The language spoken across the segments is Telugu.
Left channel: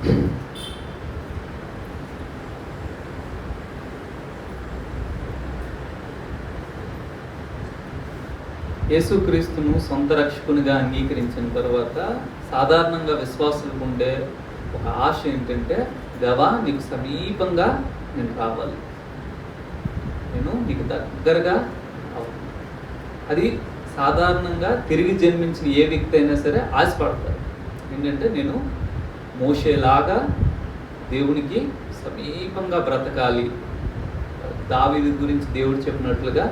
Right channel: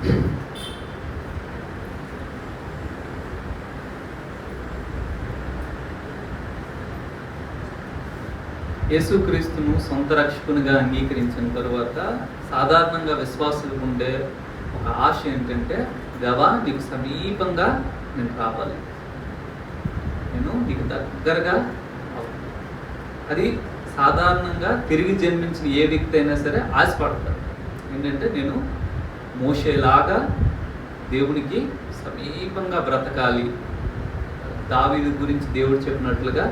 యేసుక్రీస్తును సొంత రక్షకునిగా అంగీకరించిన తరువాత సాధారణంగా విశ్వాసులకు ఉండే ఒక ఆశ ఏంటంటే, దేవా నీకు సమీపంగా నేను రావాలి, నేను నీకు దగ్గరగా అవ్వాలి. అది సాధారణంగా తిరిగి జన్మించిన ఏ వ్యక్తి అయినా సరే ఆశపడతారు. ఏంటంటే నేను మోషేలాగా దేవునికి సమీపంగా బ్రతకాలి. దావీదు గురించి దేవుడు చెప్పినట్లుగా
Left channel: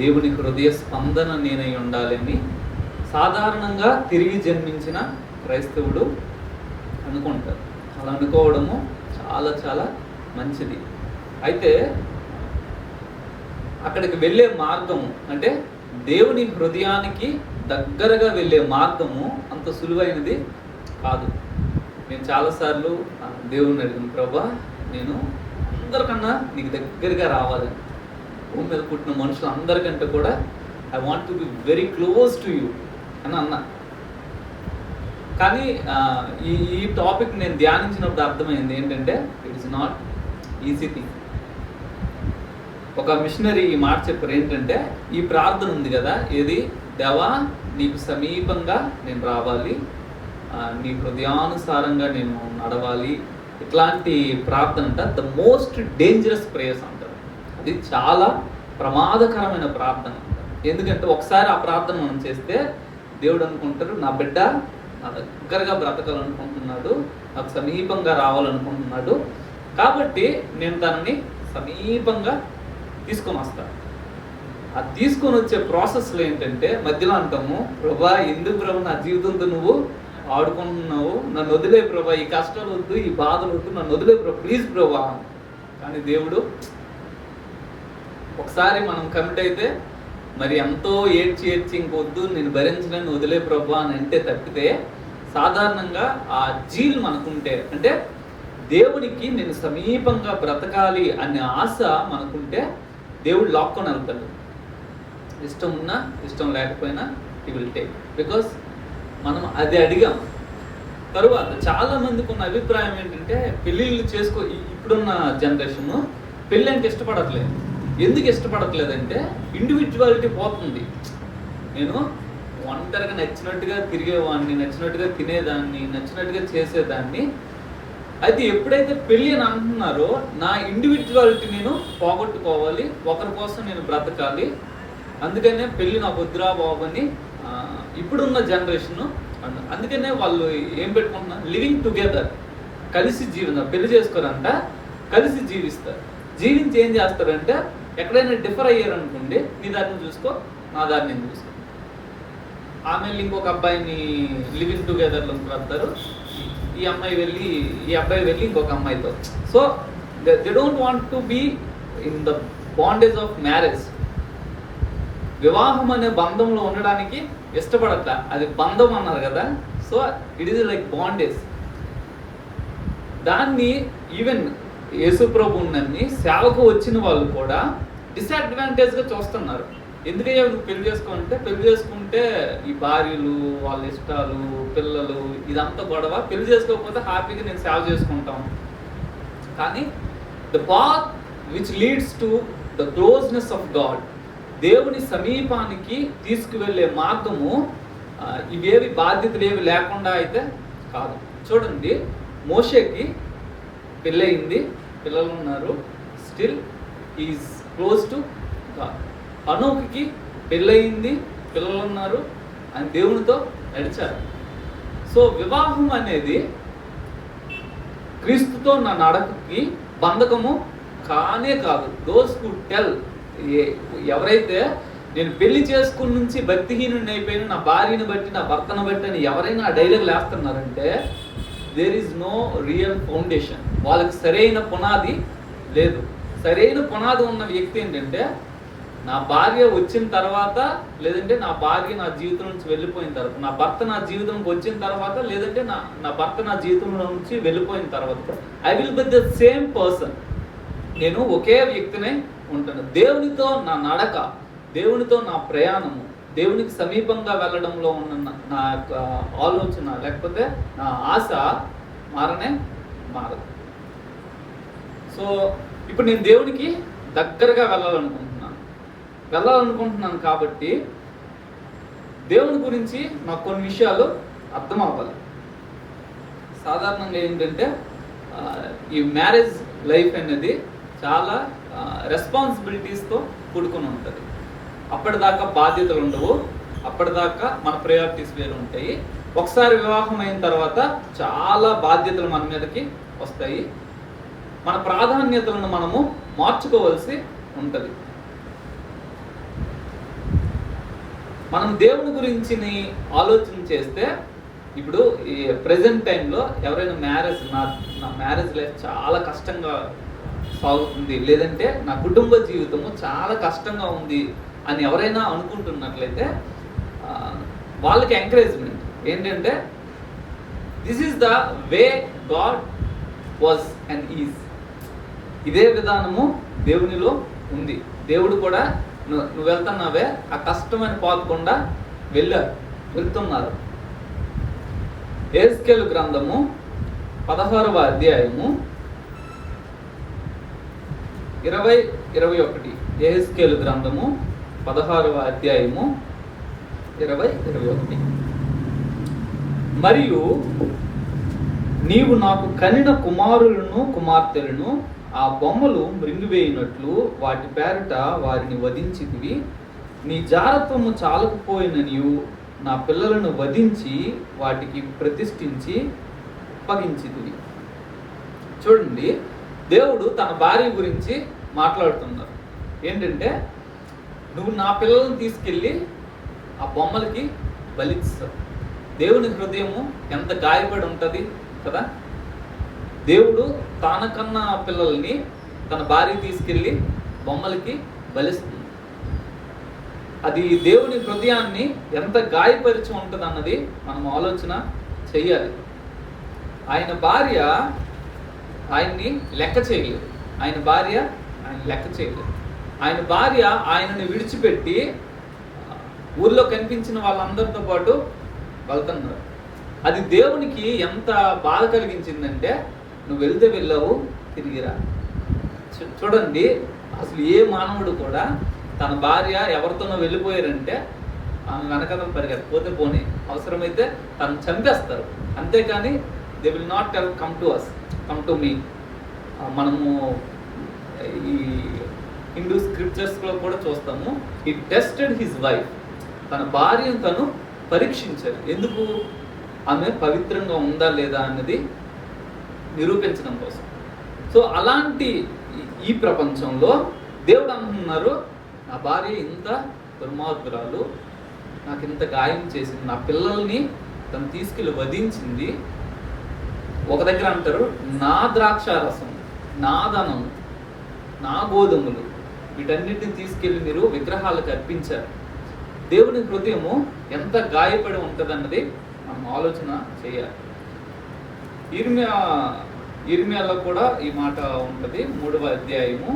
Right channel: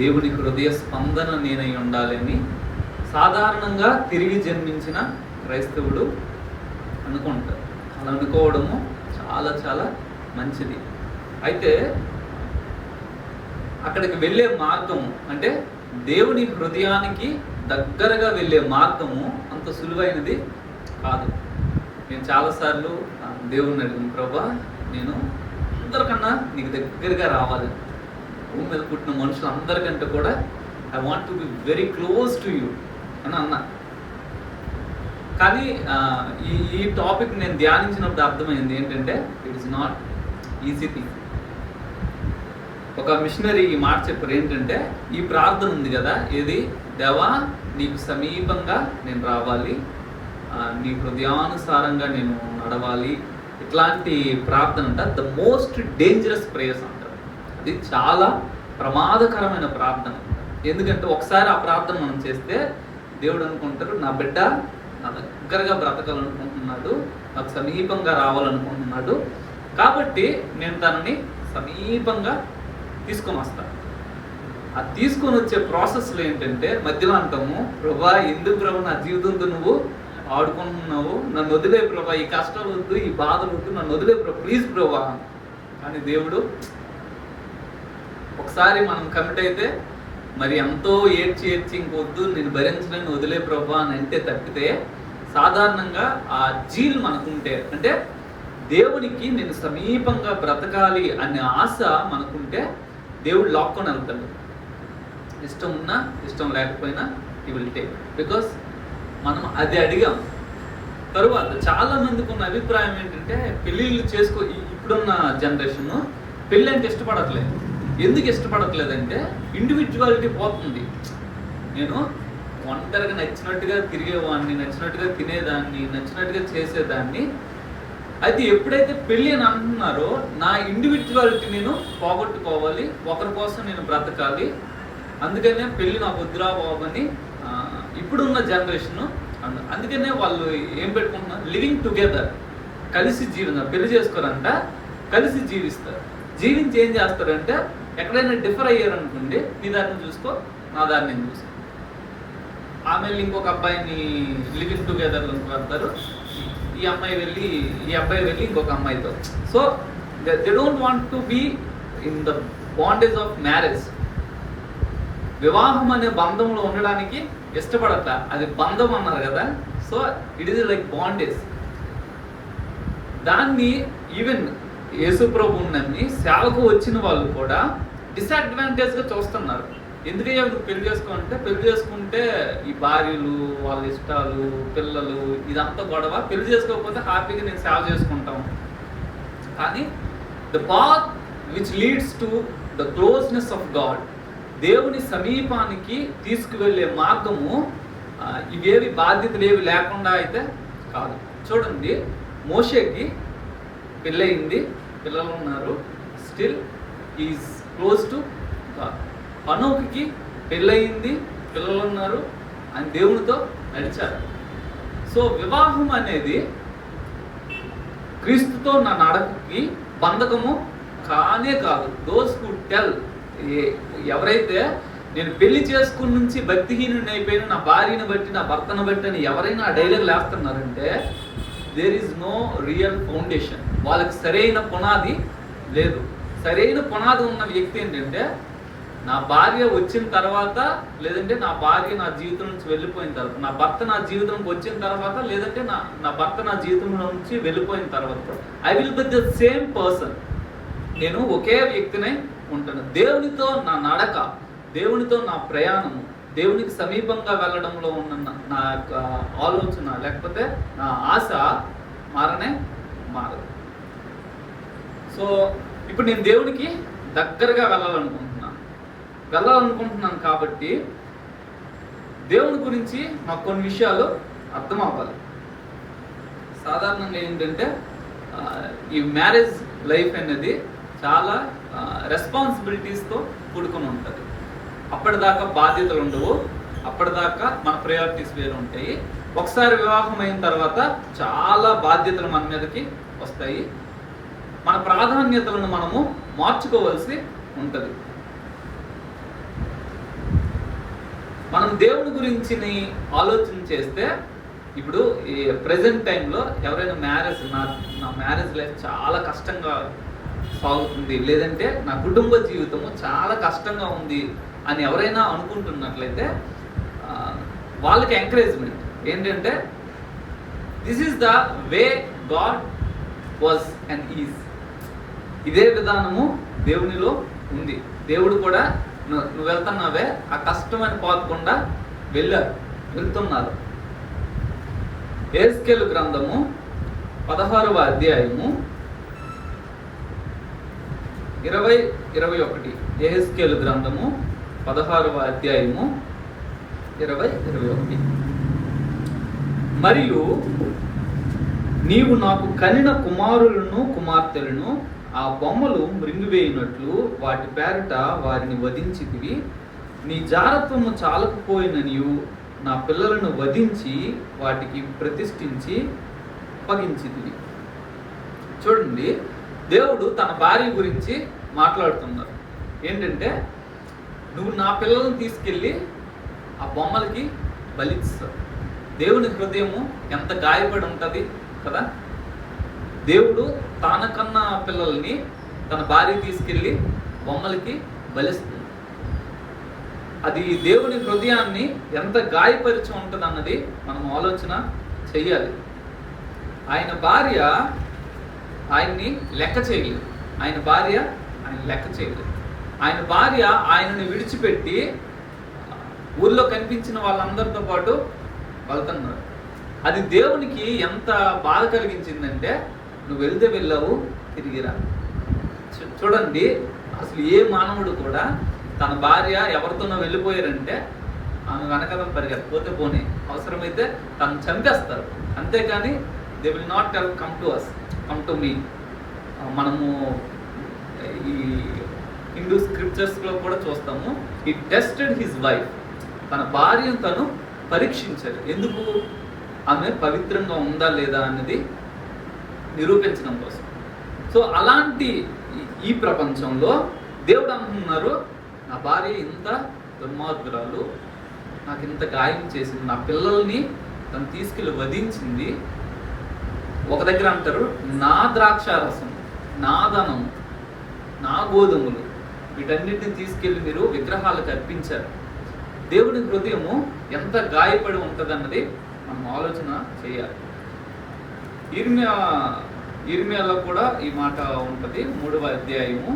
దేవుని హృదయ స్పందన నేనై ఉండాలని సాధారణంగా తిరిగి జన్మించిన క్రైస్తవుడు అనుకుంటారు. అలా అనుకోవడము చాలా చాలా మంచిది. అయితే అక్కడికి వెళ్ళే మార్గము అంటే దేవుని హృదయానికి దగ్గరగా వెళ్ళే మార్గము అంత సులువైనది కాదు. నేను చాలాసార్లు దేవుడిని అడిగాను, ప్రభా నేను అందరికన్నా నీకు దగ్గరగా రావాలి, భూమి మీద పుట్టిన మనుషులు అందరికంటే కూడా I want to be very close to you అని అన్నా. కానీ ఈ టాపిక్ నేను ధ్యానించినప్పుడు అర్థమైంది ఏంటంటే it is not easy thing. ఒక మిషనరీ ఈ మాట చెప్పారు ఏంటంటే, ఈ ప్రార్థన ఉంది కదా, ఇది దేవా నీకు సమీపంగా నేను రావాలి, నీ హృదయానుసారంగా నేను నడవాలి, ఇట్లాంటి ప్రార్థన అంట ద మోస్ట్ డేంజరస్ ప్రేయర్స్ అంటారు. అది చాలా ప్రమాదకరమైన ప్రార్థన. ఎందుకంటే ఒకసారి ఆ ప్రార్థన మనం చేస్తే దేవుడు అనుకుంటారు, నా బిడ్డ నా దగ్గరగా బ్రతకాలనుకుంటున్నాడు, నాకు సమీపంగా రావాలనుకుంటున్నాడు, కాబట్టి నేను తనని సమీపంగా తీసుకొని వస్తాను. ఆ తీసుకొని వచ్చే ప్రాసెస్లో ఏంటంటే మధ్యలో అంటాము, ప్రభా ఎందుకు ప్రభు నా జీవితంతో నువ్వు ఆడుకుంటున్నావు, నన్ను వదిలే ప్రభా, ఈ కష్టాలు వద్దు, ఈ బాధలు వద్దు, నన్ను వదిలే ప్రభా, ప్లీజ్ ప్రభా. కానీ దేవుడు ఒకసారి మనం కమిట్ అయితే మరి ఎంతో ఏడ్చి ఇంకొద్దు నేను భరించలేను వదిలే ప్రభా అని అంటే తప్పితే, సాధారణంగా ఆ జీల్ మనకుంటే అంటే దేవునికి నేను సమీపంగా బ్రతకాలి అనే ఆశ మనకుంటే దేవుడు లాక్కొని వెళ్తాడు. ఇష్టం ఉన్నా ఇష్టం లేకపోయినా హి విల్ టేక్, బికాస్ మనం అది అడిగాం. తరువాత చాలా మందికి ఉన్న అభిప్రాయం ఏంటంటే, పెళ్ళిళ్ళు ఇప్పుడున్న జనరేషన్ పెళ్ళి అంటే ఇష్టపడట్లేదు. ఎందుకు ఇష్టపడట్లేదంటే ఇండివిజువాలిటీ పోతుంది. నేను ఒంటరిగా నచ్చినట్టుగా తిరిగేవాడిని, నచ్చినట్టుగా తినేదాన్ని, నచ్చినట్టుగా చేసేదాన్ని. అయితే ఎప్పుడైతే పెళ్ళి అని అంటున్నారో నా ఇండివిజువాలిటీ నేను పోగొట్టుకోవాలి, ఒకరి కోసం నేను బ్రతకాలి, అందుకనే పెళ్ళి నాకు వద్దురా బాబు అని ఇప్పుడున్న జనరేషన్. అందుకనే వాళ్ళు ఏం పెట్టుకుంటున్నారు, లివింగ్ టుగెదర్, కలిసి పెళ్లి చేసుకోరంట, కలిసి జీవిస్తారు. జీవించి ఏం చేస్తారంటే ఎక్కడైనా డిఫర్ అయ్యారనుకోండి, నీ దారిని చూసుకో, నా దారిని నేను చూసుకో. ఆమె ఇంకొక అబ్బాయిని లివింగ్ టుగెదర్లో పెడతారు, ఈ అబ్బాయి వెళ్ళి ఇంకొక అమ్మాయితో. So they don't want to be in the bondage of marriage. వివాహం అనే బంధంలో ఉండడానికి ఇష్టపడతా, అది బంధం అన్నారు కదా. So it is like bondage. దాన్ని ఈవెన్ యేసుప్రభు ఉన్నన్ని సేవకు వచ్చిన వాళ్ళు కూడా డిసడ్వాంటేజ్గా చూస్తున్నారు. ఎందుకయ్యా నువ్వు పెళ్లి చేసుకోవాలంటే, పెళ్లి చేసుకుంటే ఈ భార్యలు, వాళ్ళ ఇష్టాలు, పిల్లలు, ఇదంతా గొడవ. పెళ్లి చేసుకోకపోతే హ్యాపీగా నేను సేవ చేసుకుంటాం. కానీ the path which leads to the closeness of God, దేవుని సమీపానికి తీసుకువెళ్ళే మార్గము ఇవేవి బాధ్యతలు ఏవి లేకుండా అయితే కాదు. చూడండి, మోషేకి పెళ్ళయింది, పిల్లలు ఉన్నారు, still is close to God. హనోకుకి పెళ్ళయింది, పిల్లలు ఉన్నారు, ఆయన దేవునితో నడిచారు. సో వివాహం అనేది క్రీస్తుతో నా నడకకి బంధకము కానే కాదు. దోస్ హు టెల్, ఎవరైతే నేను పెళ్లి చేసుకుని నుంచి భక్తిహీనుని అయిపోయిన నా భార్యను బట్టి, నా భర్తను బట్టి అని ఎవరైనా ఆ డైలాగ్ లేస్తున్నారంటే there is no real foundation. వాళ్ళకి సరైన పునాది లేదు. సరైన పునాది ఉన్న వ్యక్తి ఏంటంటే, నా భార్య వచ్చిన తర్వాత, లేదంటే నా భార్య నా జీవితం నుంచి వెళ్ళిపోయిన తర్వాత, నా భర్త నా జీవితంలోకి వచ్చిన తర్వాత, లేదంటే నా భర్త నా జీవితంలో నుంచి వెళ్ళిపోయిన తర్వాత, I will be the same person. నేను ఒకే వ్యక్తినే ఉంటాను. దేవునితో నా నడక, దేవునితో నా ప్రయాణము, దేవునికి సమీపంగా వెళ్ళడంలో ఉన్న నా ఆలోచన, లేకపోతే నా ఆశ మారనే మారదు. సో ఇప్పుడు నేను దేవునికి దగ్గరగా వెళ్ళాలనుకుంటున్నాను కాబట్టి దేవుని గురించి నాకు కొన్ని విషయాలు అర్థం అవ్వాలి. సాధారణంగా ఏంటంటే ఈ మ్యారేజ్ లైఫ్ అనేది చాలా రెస్పాన్సిబిలిటీస్తో కూడుకొని ఉంటుంది. అప్పటిదాకా బాధ్యతలు ఉండవు, అప్పటిదాకా మన ప్రయారిటీస్ వేరు ఉంటాయి. ఒకసారి వివాహం అయిన తర్వాత చాలా బాధ్యతలు మన మీదకి వస్తాయి. మన ప్రాధాన్యతలను మనము మార్చుకోవాల్సి ఉంటుంది. మనం దేవుని గురించి ఆలోచన చేస్తే ఇప్పుడు ఈ ప్రెజెంట్ టైంలో ఎవరైనా నా మ్యారేజ్ లైఫ్ చాలా కష్టంగా సాగుతుంది, లేదంటే నా కుటుంబ జీవితము చాలా కష్టంగా ఉంది అని ఎవరైనా అనుకుంటున్నట్లయితే వాళ్ళకి ఎంకరేజ్మెంట్ ఏంటంటే this is the way God was and is. ఇదే విధానము దేవునిలో ఉంది. దేవుడు కూడా నువ్వు వెళ్తున్నావే ఆ కష్టమైన పాతకుండా వెళ్తున్నారు. యెహెజ్కేలు గ్రంథము 16వ అధ్యాయము 20-21. యెహెజ్కేలు గ్రంథము 16వ అధ్యాయము 20-21. మరియు నీవు నాకు కనిన కుమారులను కుమార్తెలను ఆ బొమ్మలు మృంగివేయినట్లు వాటి పేరట వారిని వధించితివి. నీ జారత్వము చాలకపోయిన నీవు నా పిల్లలను వధించి వాటికి ప్రతిష్ఠించి అప్పగించితివి. చూడండి, దేవుడు తన భార్య గురించి మాట్లాడుతున్నారు. ఏంటంటే నువ్వు నా పిల్లలను తీసుకెళ్ళి ఆ బొమ్మలకి బలిస్తావు. దేవుని హృదయము ఎంత గాయపడి ఉంటుంది కదా. దేవుడు తనకన్నా పిల్లల్ని తన భార్య తీసుకెళ్ళి బొమ్మలకి బలిస్తుంది. అది దేవుని హృదయాన్ని ఎంత గాయపరిచి ఉంటుంది అన్నది మనం ఆలోచన చెయ్యాలి. ఆయన భార్య ఆయన్ని లెక్క చేయలేదు. ఆయన భార్య ఆయనని విడిచిపెట్టి ఊర్లో కనిపించిన వాళ్ళందరితో పాటు వెళ్తున్నారు. అది దేవునికి ఎంత బాధ కలిగించిందంటే నువ్వు వెళ్తే వెళ్ళావు, తిరిగిరా. చూడండి, అసలు ఏ మానవుడు కూడా తన భార్య ఎవరితోనో వెళ్ళిపోయారంటే ఆమె వెనకాల పరిగెత్తపోతే పోనీ, అవసరమైతే తను చంపేస్తారు. అంతేకాని they will not tell come to me. మనము ఈ హిందూ స్క్రిప్చర్స్లో కూడా చూస్తాము, హీ టెస్టెడ్ హిజ్ వైఫ్. తన భార్యను తను పరీక్షించారు. ఎందుకు? ఆమె పవిత్రంగా ఉందా లేదా అన్నది నిరూపించడం కోసం. సో అలాంటి ఈ ప్రపంచంలో దేవుడు అంటున్నారు, నా భార్య ఇంత దుర్మార్గురాలు, నాకు ఇంత గాయం చేసింది, నా పిల్లల్ని తను తీసుకెళ్ళి వధించింది. ఒక దగ్గర అంటారు, నా ద్రాక్షారసం, నా ధనం, నా గోధుమలు, వీటన్నిటిని తీసుకెళ్ళి మీరు విగ్రహాలకు అర్పించారు. దేవుని హృదయము ఎంత గాయపడి ఉంటుంది అన్నది మనం ఆలోచన చేయాలి. ఇర్మియాలో కూడా ఈ మాట ఉంటుంది. 3వ అధ్యాయము,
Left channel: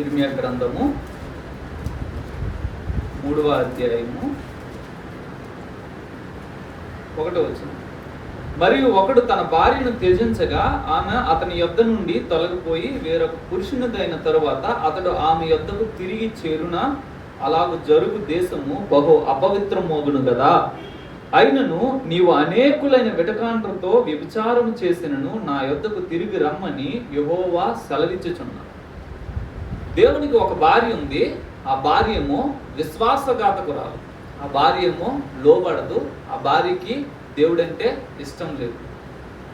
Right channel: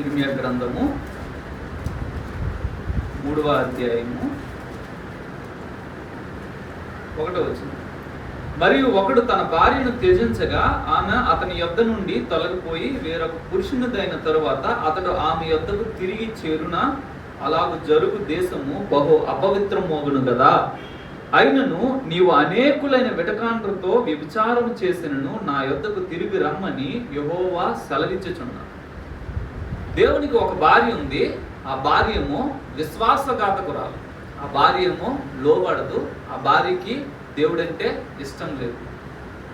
ఇర్మియా గ్రంథము 3వ అధ్యాయము 1వ వచనం. మరియు ఒకడు తన భార్యను త్యజించగా ఆమె అతని యొద్ద నుండి తొలగిపోయి వేరొక పురుషునిదైన తరువాత అతడు ఆమె యొద్దకు తిరిగి చేరున అలాగు జరుగు దేశము బహు అపవిత్రమోగును గదా. అయినను నీవు అనేకులైన వెటకాండ్రతో వ్యభిచారం చేసినను నా యొద్దకు తిరిగి రమ్మని యెహోవా సెలవిచ్చుచున్నాడు. దేవునికి ఒక భార్య ఉంది. ఆ భార్యము విశ్వాసఘాతకురాలు. ఆ భార్యము లోబడదు. ఆ భార్యకి దేవుడంటే ఇష్టం లేదు.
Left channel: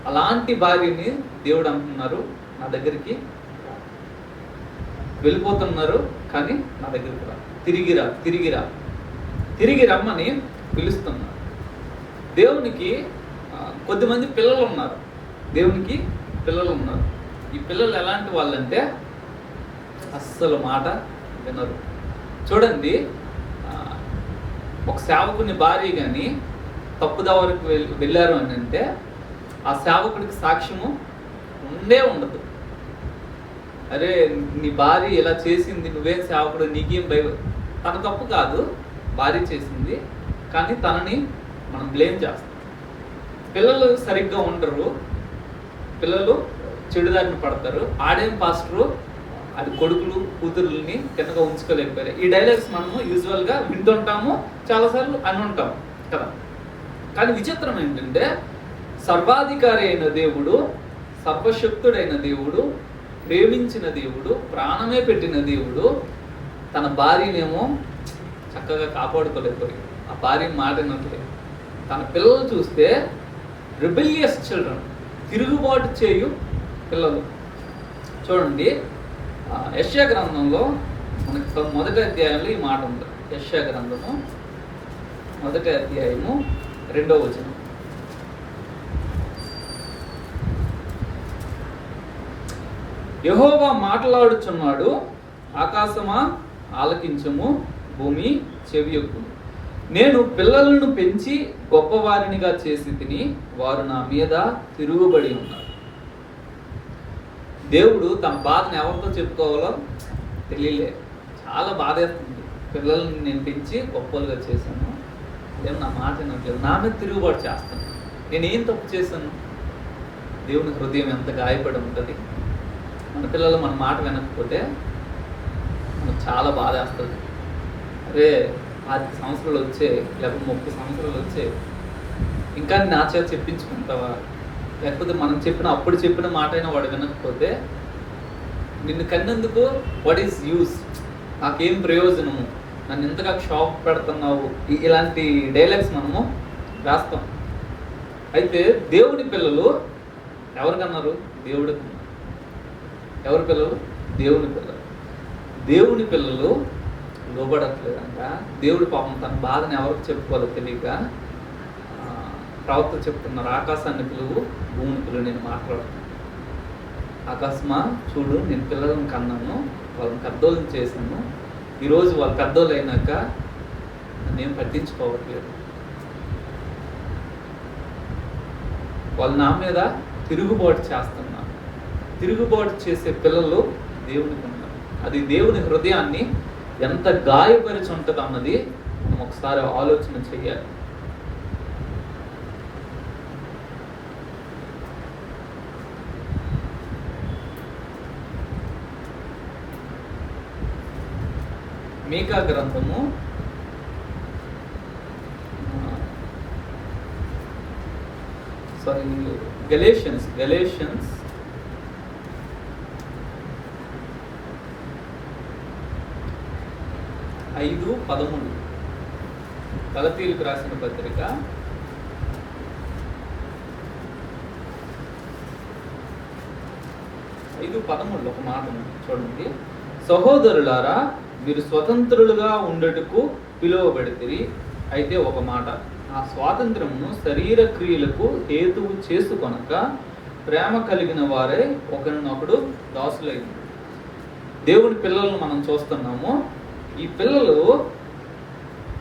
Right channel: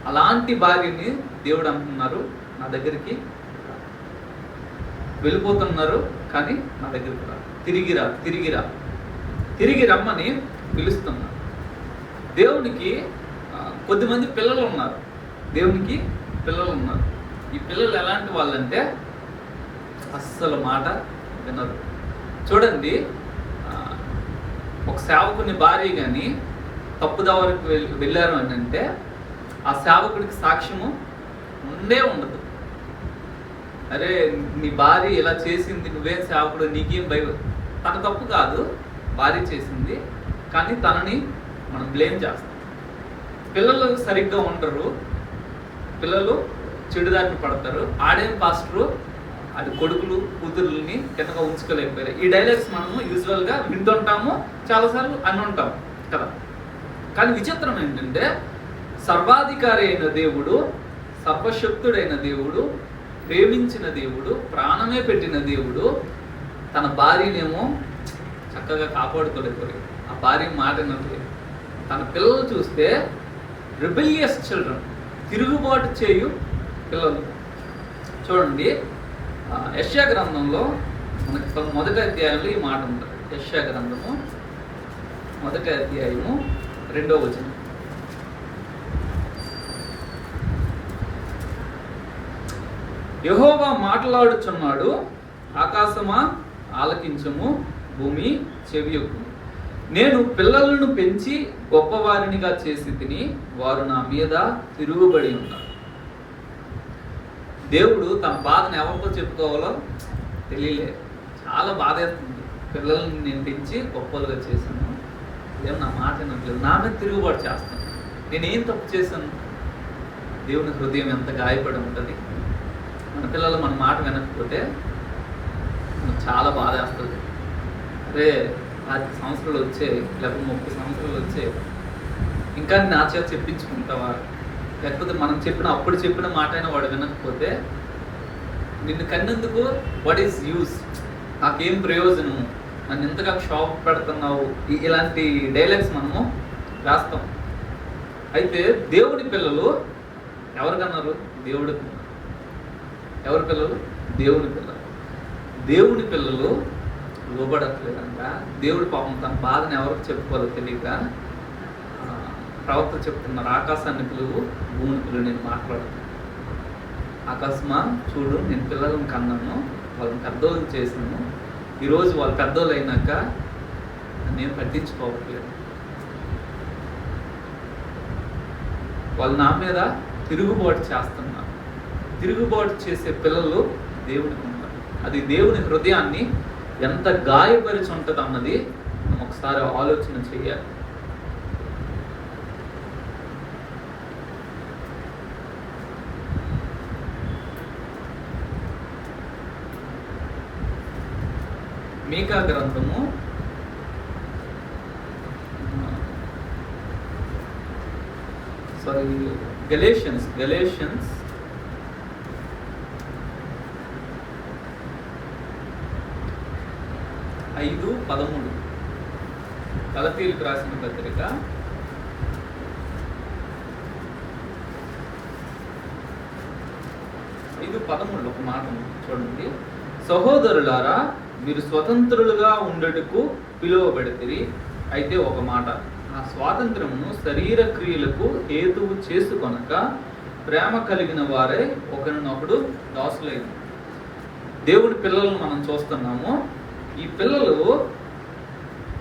అలాంటి భార్యని దేవుడు అంటున్నారు, నా దగ్గరికి వెళ్ళిపోతున్నారు కానీ నా దగ్గరికి రా, తిరిగి రమ్మని పిలుస్తున్నారు. దేవునికి కొద్దిమంది పిల్లలు ఉన్నారు. ఈ పిల్లలు ఎలాంటి వాళ్ళంటే అస్సలు మాట వినరు. చూడండి, ఒక సేవకుని భార్య కానీ తప్పుదావరికి వెళ్ళారు అని అంటే ఆ సేవకుడికి సాక్ష్యము ఉండదు. అరే, నీ భార్య ఇలా చేసింది, నువ్వేం సేవకుడు, నీకేం భయం. తన తప్పు కాదు, భార్య చేసింది, కానీ తనని మనం బ్లేమ్ చేస్తాం. పిల్లలు సరిగ్గా ఉండరు, పిల్లలు చెడుదారిని పడతారు. ఆడేం పాస్టరు అది కొడుకులు కూతురుని కిందగా ఉంచుకోలేకపోయారు. ఈ డైలాగ్స్ మనము యూజువల్గా వింటుంటాము, చాలాసార్లు అని ఉంటాం కదా. కానీ విచిత్రం ఏంటంటే సర్వాధికారి అయిన దేవుడు, సర్వశక్తుడైన దేవుడు, ప్రేమించిన దేవుడు, ప్రాణమే పెట్టిన దేవుడు తన భార్యనేమో చక్కగా కాపాడుకోలేకపోయాడు. ఆ భార్య మాట వినట్లేదు. తన పిల్లలు చూస్తే రిబెలియస్ చిల్డ్రన్, తిరుగుబాటు చేయు పిల్లలు. చూడండి, యెషయా గ్రంథంలో మనకి మొదటి అధ్యాయంలో ఈ మాట ఉంది. యెషయా గ్రంథము 1వ అధ్యాయము 2వ వచనం. యెహోవా మాట్లాడుచున్నాడు, ఆకాశమా ఆలకించము, భూమి చెవియొగ్గుము. నేను పిల్లలను పెంచి గొప్పవారినిగా చేసి తిని, వారు నా మీద తిరుగుబడి ఉన్నారు. దేవుడు తన బాధను ఎవరితో చెప్పుకోవాలో తెలియలేదు. చాలా బాధేస్తుంది. పిల్లల్ని నేను పెంచి గొప్పలుగా చేశాను, ఏం నా మాట వినట్లేదు, నా మీద తిరుగుబాటు చేస్తాను. నేనేం తప్పు చేశాను? దేవుని హృదయం ఎంత గాయపడి ఉంటుంది. మన పిల్లలు మన మాట వినకపోతే చాలా బాధ వేస్తుంది. అరే 10 సంవత్సరాలు వచ్చే, లేకపోతే 30 సంవత్సరాలు వచ్చే, ఇంకా నా చేత చెప్పించుకుంటావా? లేకపోతే మనం అప్పుడు చెప్పిన మాట అయినా వాడు వినకపోతే నిన్ను కన్నందుకు వాట్ ఈస్ యూస్, నాకేం ప్రయోజనము, నన్ను ఎంతగా షాప్ పెడుతున్నావు, ఇలాంటి డైలాగ్స్ మనము రాస్తాం. అయితే దేవుడి పిల్లలు ఎవరికన్నారు? దేవుడికి. ఎవరి పిల్లలు? దేవుని పిల్లలు. దేవుని పిల్లలు లోబడట్లేదంట. దేవుడి పాపం తన బాధని ఎవరికి చెప్పుకోవాలో తెలియక ప్రవక్త చెప్తున్నారు, ఆకాశాన్ని పిలువు, భూమి పిలువు, నేను మాట్లాడుతున్నాను. ఆకాశమా చూడు, నేను పిల్లలను కన్నాను, వాళ్ళని పెద్దోళ్ళని చేశాను, ఈరోజు వాళ్ళు పెద్దోళ్ళు అయినాక నేను పట్టించుకోవట్లేదు, వాళ్ళు నా మీద తిరుగుబాటు చేస్తున్నారు. తిరుగుబాటు చేసే పిల్లలు దేవుడికి ఉన్నారు. అది దేవుని హృదయాన్ని ఎంత గాయపరిచి ఉంటుంది అన్నది మనం ఒకసారి ఆలోచన చేయాలి. మీకా గ్రంథము 5:13 గలతీయులకు రాసిన పత్రిక 5:13 ఒక మాట చూడండి. సహోదరులారా, మీరు స్వతంత్రులుగా ఉండటకు పిలువబడితిరి. అయితే ఒక మాట, ఆ స్వాతంత్రమును శరీర క్రియలకు హేతువు చేసుకొనక ప్రేమ కలిగిన వారే ఒకరినొకడు దాసులైన. దేవుడి పిల్లలను మనం చూస్తున్నాము. ఈ పిల్లలు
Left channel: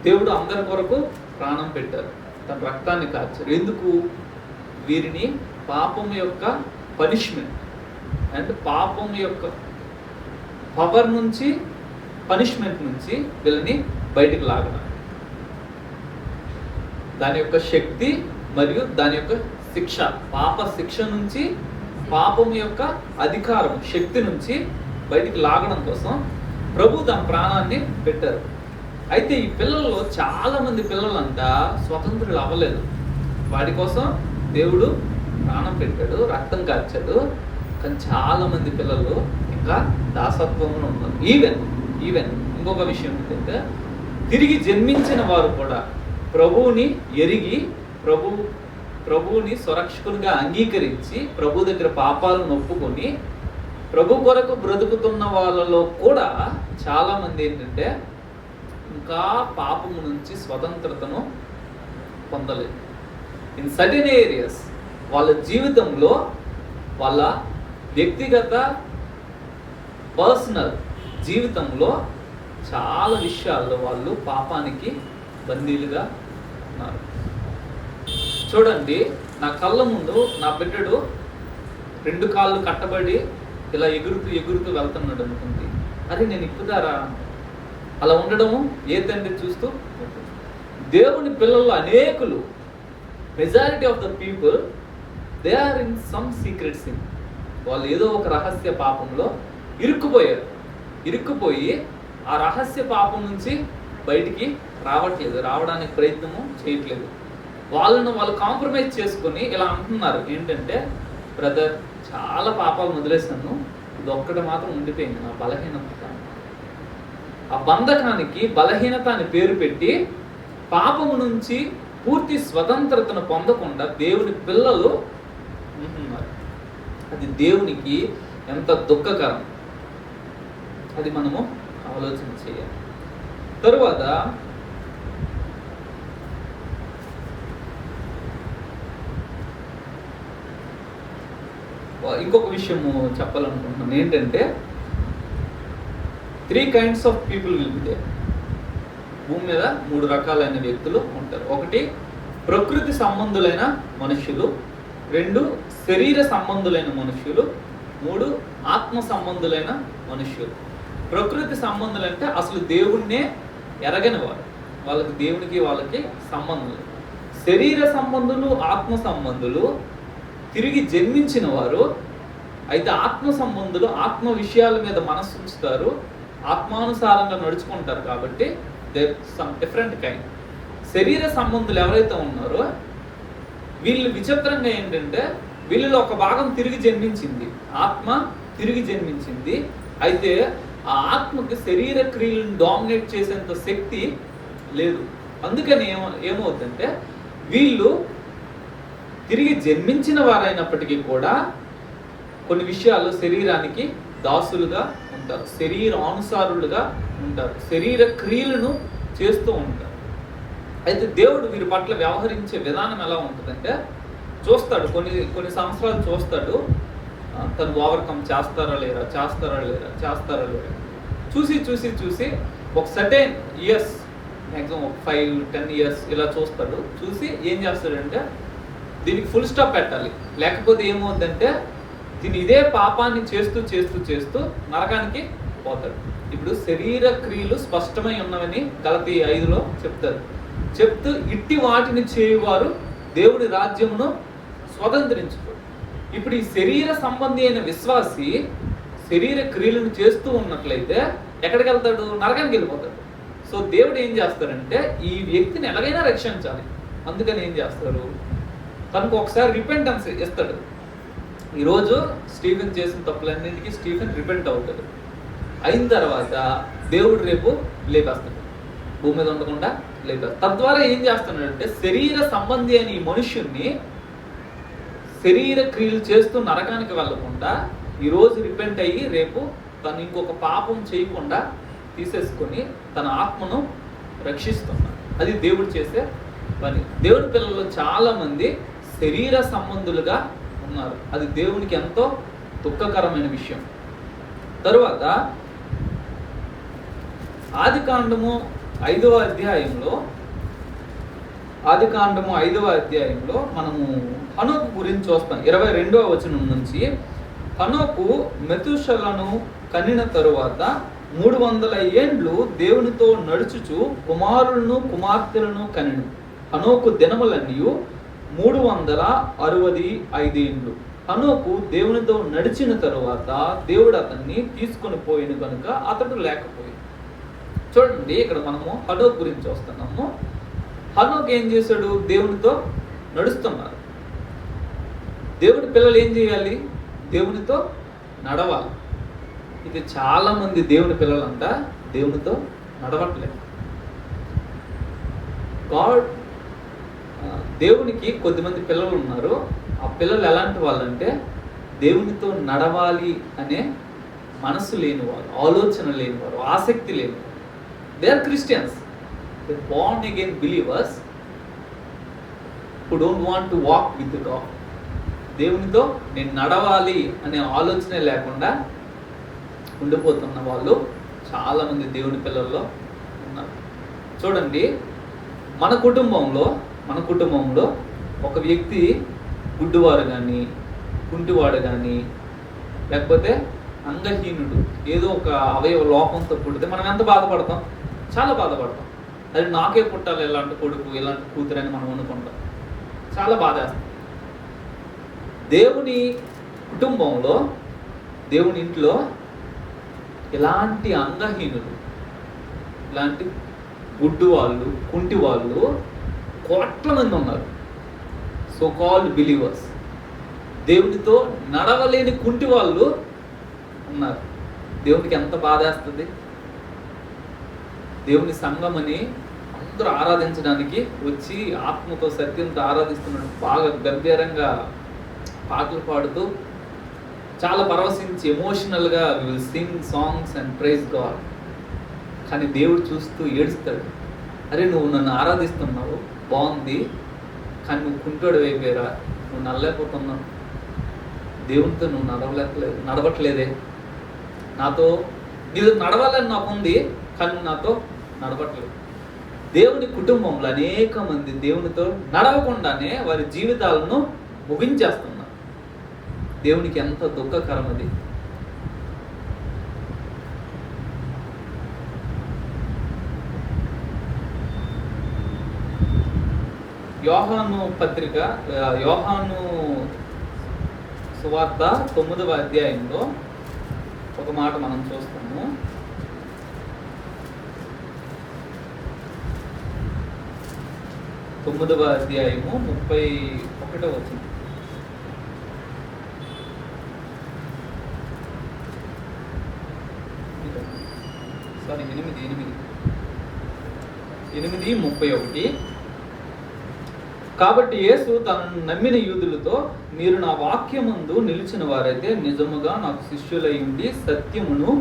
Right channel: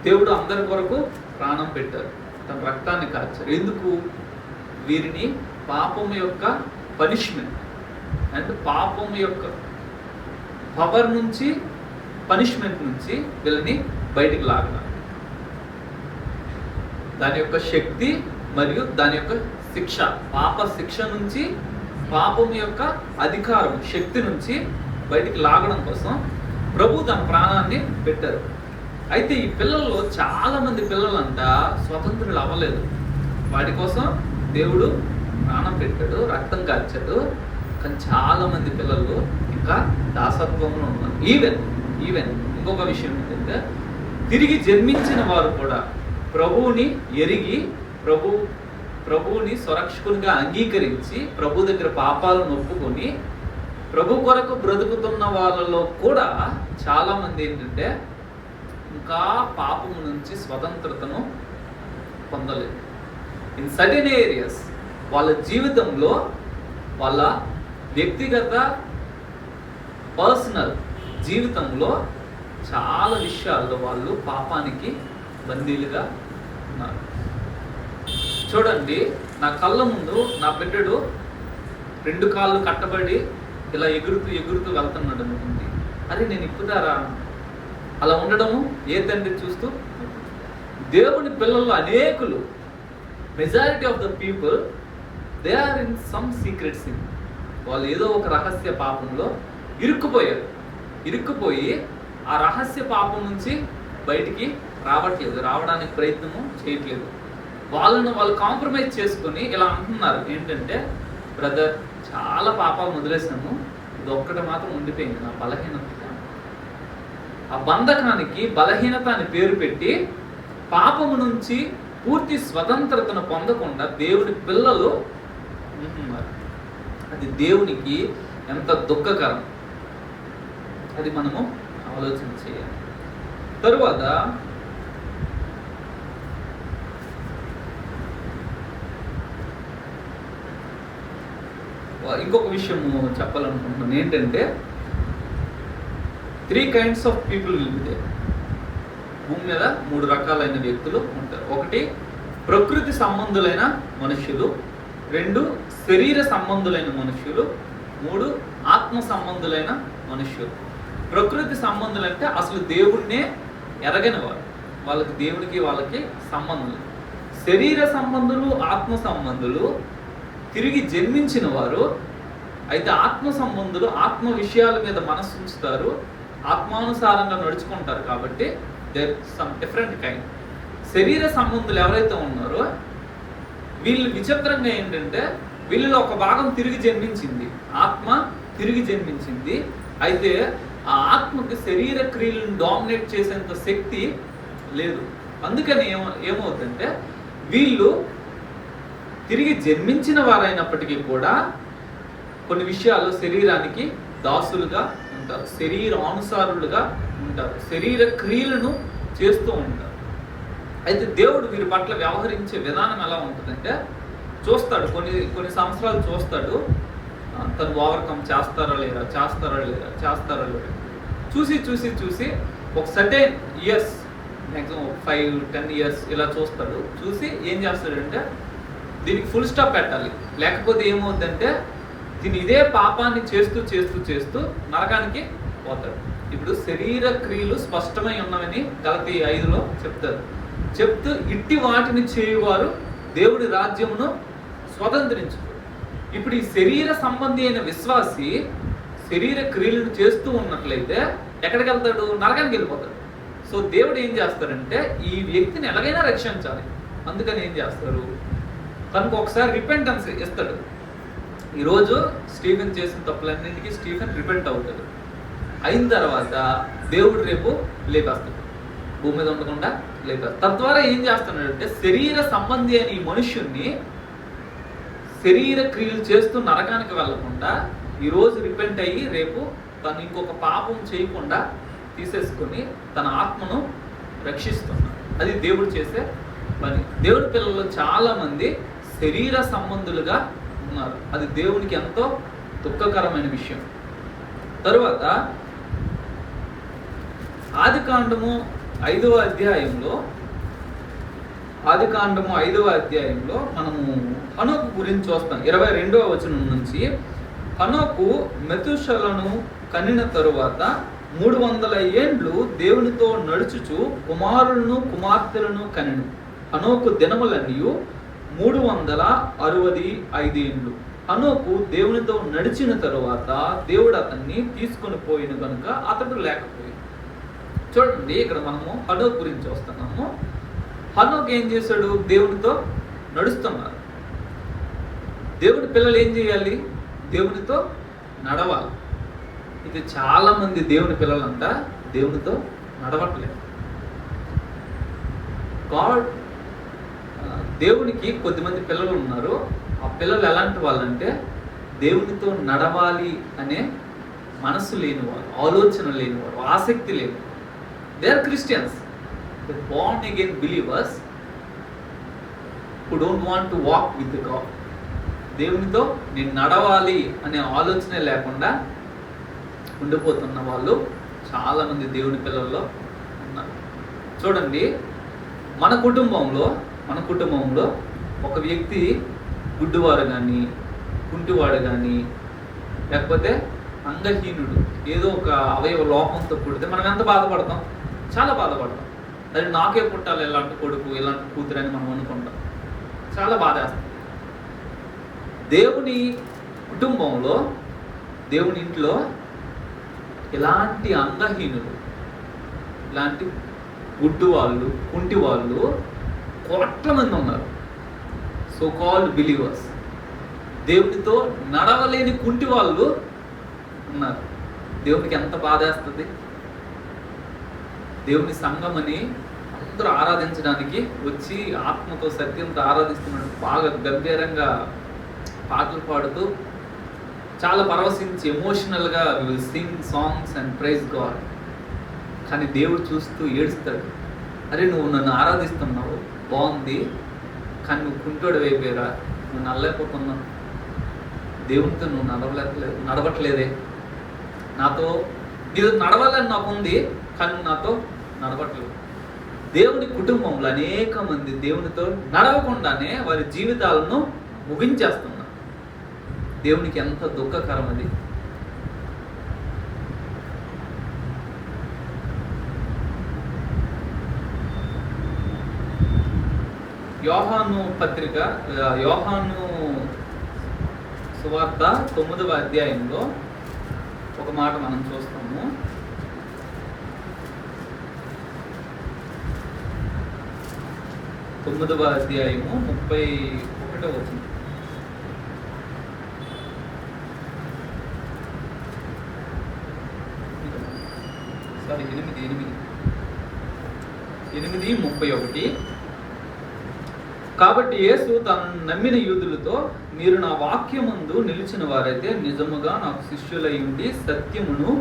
దేవుడు అందరి కొరకు ప్రాణం పెట్టారు, తన రక్తాన్ని కార్చారు. ఎందుకు? వీరిని పాపం యొక్క పనిష్మెంట్ అండ్ పాపం యొక్క పవర్ నుంచి, పనిష్మెంట్ నుంచి వీళ్ళని బయటికి లాగడం. దాని యొక్క శక్తి మరియు దాని యొక్క శిక్ష, పాప శిక్ష నుంచి, పాపం యొక్క అధికారం, శక్తి నుంచి బయటికి లాగడం కోసం ప్రభు తన ప్రాణాన్ని పెట్టారు. అయితే ఈ పిల్లల్లో చాలా మంది పిల్లలంతా స్వతంత్రులు అవ్వలేదు. వాడి కోసం దేవుడు ప్రాణం పెట్టాడు, రక్తం కార్చాడు. కానీ చాలా మంది పిల్లలు ఇంకా దాసత్వంలో ఉన్నారు. ఈవెన్ ఇంకొక విషయం ఏంటంటే, తిరిగి జన్మించిన వారు కూడా ప్రభువుని ఎరిగి, ప్రభువుని స్వరక్షకునిగా అంగీకరించి, ప్రభు దగ్గర పాపాలను ఒప్పుకొని ప్రభు కొరకు బ్రతుకుతున్న వాళ్ళలో కూడా చాలా మంది ఏంటంటే ఇంకా పాపము నుంచి స్వతంత్రతను పొందలేదు. ఇన్ సర్టెన్ ఏరియాస్ వాళ్ళ జీవితంలో, వాళ్ళ వ్యక్తిగత పర్సనల్ జీవితంలో చాలా విషయాల్లో వాళ్ళు పాపానికి బందీలుగా ఉన్నారు. చూడండి, నా కళ్ళ ముందు నా బిడ్డడు 2 కాళ్ళు కట్టబడి ఇలా ఎగురుతూ వెళ్తున్నాడు అనుకుంది. అది నేను ఇప్పుదారా? అలా ఉండడము ఏ తండ్రి చూస్తూ? దేవుని పిల్లలు అనేకులు majority of the people they are in some secret sin. వాళ్ళు ఏదో ఒక రహస్య పాపంలో ఇరుక్కుపోయి ఆ రహస్య పాపం నుంచి బయటికి రావడానికి ప్రయత్నము చేయట్లేదు. వాళ్ళు కాంప్రమైజ్ చేసుకొని ఇలా అంటున్నారు ఏంటంటే, బ్రదర్ చాలా పాపాలు వదిలేసాను, ఇది ఒక్కటి మాత్రం ఉండిపోయింది, నా బలహీనత. ఆ బంధకానికి బలహీనత అని పేరు పెట్టి పాపము నుంచి పూర్తి స్వతంత్రతను పొందకుండా దేవుడి పిల్లలు ఉంటున్నారు. అది దేవునికి ఎంత దుఃఖకరం, అది మనము ఆలోచన చేయాలి. తరువాత ఇంకొక విషయము చెప్పాలనుకుంటున్నాను ఏంటంటే, 3 kinds of people will be there. భూమి మీద 3 రకాలైన వ్యక్తులు ఉంటారు. 1 ప్రకృతి సంబంధులైన మనుషులు, 2 శరీర సంబంధులైన మనుషులు, 3 ఆత్మ సంబంధులైన మనుషులు. ప్రకృతి సంబంధులు అంటే అసలు దేవుడినే ఎరగని వారు, వాళ్ళకి దేవుడికి వాళ్ళకి సంబంధం. శరీర సంబంధులు, ఆత్మ సంబంధులు తిరిగి జన్మించిన వారు. అయితే ఆత్మ సంబంధులు ఆత్మ విషయాల మీద మనసు ఉంచుతారు, ఆత్మానుసారంగా నడుచుకుంటారు. కాబట్టి దేర్ సమ్ డిఫరెంట్ కైండ్. శరీర సంబంధులు ఎవరైతే ఉన్నారో వీళ్ళు విచిత్రంగా ఏంటంటే, వీళ్ళలో ఒక భాగం తిరిగి జన్మించింది, ఆత్మ తిరిగి జన్మించింది. అయితే ఆ ఆత్మకి శరీర క్రియలను డామినేట్ చేసేంత శక్తి లేదు. అందుకని ఏమవుతుందంటే, వీళ్ళు తిరిగి జన్మించిన వారైనప్పటికీ కూడా కొన్ని విషయాలు శరీరానికి దాసులుగా ఉంటారు, శరీరానుసారులుగా ఉంటారు, శరీర క్రియలను చేస్తూ ఉంటారు. అయితే దేవుడు వీరి పట్ల వ్యవహరించే విధానం ఎలా ఉంటుందంటే, చూస్తాడు, కొన్ని సంవత్సరాలు చూస్తాడు, తను ఓవర్కమ్ చేస్తారా లేరా చూసి ఒక సర్టెన్ ఇయర్స్, మ్యాక్సిమం 5-10 years ఇలా చూస్తాడు. చూసి ఏం చేస్తాడంటే, దీనికి ఫుల్ స్టాప్ పెట్టాలి, లేకపోతే ఏమవుతుందంటే దీని ఇదే పాపాన్ని చేస్తూ నరకానికి పోతాడు. ఇప్పుడు శరీర క్రియలు స్పష్టమై ఉన్నవని గలతీ 5లో చెప్తూ ఇట్టి వాటిని చేయువారు దేవుడి రాజ్యమును స్వతంత్రించుకో. ఇప్పుడు ఈ శరీర సంబంధి అయిన విశ్వాసి శరీర క్రియలను చేస్తూ ఉన్నట్లయితే ఎక్కడికి వెళ్తాడు? నరకానికి వెళ్ళిపోతాడు. సో దేవుడు ఏం చేస్తాడంటే, ఈ వ్యక్తిని ఎలాగైనా రక్షించాలి, అందుకని ఏం చేస్తారు, తనకు ఒకసారి రిపెంటెన్స్ ఇస్తాడు. ఈరోజు స్టీఫెన్ చేసిన తప్పులన్నింటికి స్టీఫెన్ రిపెంట్ అవుతాడు. అయిన తర్వాత దేవుడు రేపు లేపేస్తాడు, భూమి మీద ఉండకుండా లేపేస్తాడు. తద్వారా ఏం చేస్తున్నాడంటే, శరీర సంబంధి అని ఈ మనుష్యుణ్ణి శరీర క్రియలు చేస్తూ నరకానికి వెళ్ళకుండా ఈరోజు రిపెంట్ అయ్యి రేపు తను ఇంకొక పాపం చేయకుండా తీసేసుకొని తన ఆత్మను రక్షిస్తున్నాడు. అది దేవుడు చేసే పని. దేవుడి పిల్లల్లో చాలా మంది శరీర సంబంధులుగా ఉన్నారు. అది దేవునికి ఎంతో దుఃఖకరమైన విషయం. తరువాత ఆదికాండము 5వ అధ్యాయంలో మనము హనోకు గురించి చూస్తాం. 22వ వచనం నుంచి, హనోకు మెతుషలను కనిన తరువాత 300 ఏండ్లు దేవునితో నడుచుచు కుమారులను కుమార్తెలను కనెను. హనోకు దినములన్నీ 365 ఏండ్లు. హనోకు దేవునితో నడిచిన తరువాత దేవుడు అతన్ని తీసుకొని పోయిన కనుక అతడు లేకపోయింది. చూడండి, ఇక్కడ మనము హనోకు గురించి వస్తున్నాము. హనోకు ఏం చేశాడు? దేవునితో నడుస్తున్నారు. దేవుడి పిల్లలు ఏం చేయాలి? దేవునితో నడవాలి. ఇది చాలా మంది దేవుని పిల్లలంతా దేవునితో నడవట్లేదు. గాడ్ దేవునికి కొద్దిమంది పిల్లలు ఉన్నారు. ఆ పిల్లలు ఎలాంటి వాళ్ళంటే, దేవునితో నడవాలి అనే మనసు లేనివారు, ఆలోచన లేనివారు, ఆసక్తి లేనివారు. They are Christians, they born again believers who don't want to walk with God. దేవునితో నేను నడవాలి అనే ఆలోచనే లేకుండా ఉండిపోతున్న వాళ్ళు చాలా మంది దేవుని పిల్లల్లో ఉన్నారు. చూడండి, మన కుటుంబంలో ఒక వ్యక్తి గుడ్డివాడు కానీ, కుంటివాడు కానీ, లేకపోతే అంగహీనుడు, ఏదో ఒక అవయవ లోపంతో పుడితే మనం ఎంత బాధపడతాం? చాలా బాధపడతాం. అది నాకే పుట్టాలి ఇలాంటి కొడుకు, ఇలాంటి కూతురు అని మనం అనుకుంటాం. చాలా బాధేస్తుంది. దేవుని కుటుంబంలో, దేవుని ఇంట్లో ఇలాంటి అంగహీనులు, ఇలాంటి గుడ్డు వాళ్ళు, కుంటి వాళ్ళు కోట్ల మంది ఉన్నారు. సో కాల్డ్ బిలీవర్స్, దేవుడితో నడవలేని కుంటి వాళ్ళు ఉన్నారు. దేవునికి ఎంత బాధేస్తుంది. దేవుని సంఘమని అందరూ ఆరాధించడానికి వచ్చి ఆత్మతో సత్యంతో ఆరాధిస్తున్నాడు. బాగా గంభీరంగా పాటలు పాడుతూ చాలా పరవశించి ఎమోషనల్గా will sing songs and praise God. కానీ దేవుడు చూస్తూ ఏడుస్తాడు. అరే నువ్వు నన్ను ఆరాధిస్తున్నావు, బాగుంది, కానీ నువ్వు కుంటోడు అయిపోయారా, నువ్వు నడలేకపోతున్నావు, దేవునితో నువ్వు నడవట్లేదే, నాతో నీవు నడవాలని నాకు ఉంది, కానీ నాతో నడవట్లేదు. దేవుని కుటుంబంలో అనేక మంది దేవునితో నడవకుండానే వారి జీవితాలను ముగించేస్తున్నారు. దేవునికి ఎంత దుఃఖకరం అది. యోహాను పత్రిక, యోహాను సువార్త 9వ అధ్యాయంలో ఒక మాట మనం చూస్తాము. తొమ్మిదవ అధ్యాయము 31వ వచనం. సారీ 8:31. కాబట్టి యేసు తనను నమ్మిన యూదులతో, మీరు నా వాక్యమందు నిలిచిన వారైతే నిజముగా నాకు శిష్యులై ఉండి సత్యమును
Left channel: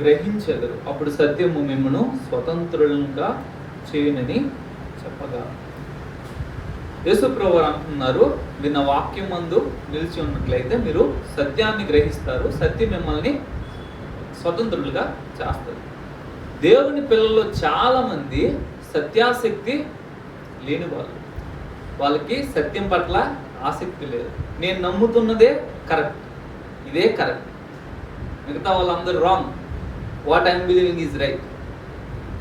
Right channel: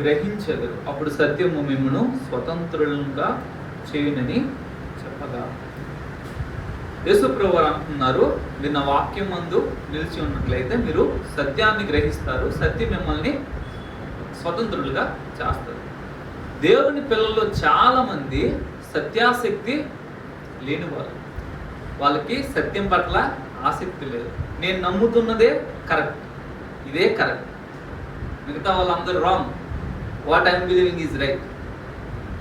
గ్రహించెదరు, అప్పుడు సత్యము మిమ్మును స్వతంత్రులుగా చేయునని చెప్పగా. యేసు ప్రభువు అంటున్నారు, మీరు నా వాక్యమందు నిలిచి ఉన్నట్లయితే మీరు సత్యాన్ని గ్రహిస్తారు, సత్యం మిమ్మల్ని స్వతంత్రులుగా చేస్తారు. దేవుని పిల్లల్లో చాలా మంది సత్యాసక్తి లేనివారు. వాళ్ళకి సత్యం పట్ల ఆసక్తి లేదు. నేను నమ్ముతున్నదే కరెక్ట్, ఇదే కరెక్ట్, మిగతా వాళ్ళందరూ wrong, what I'm believing is right.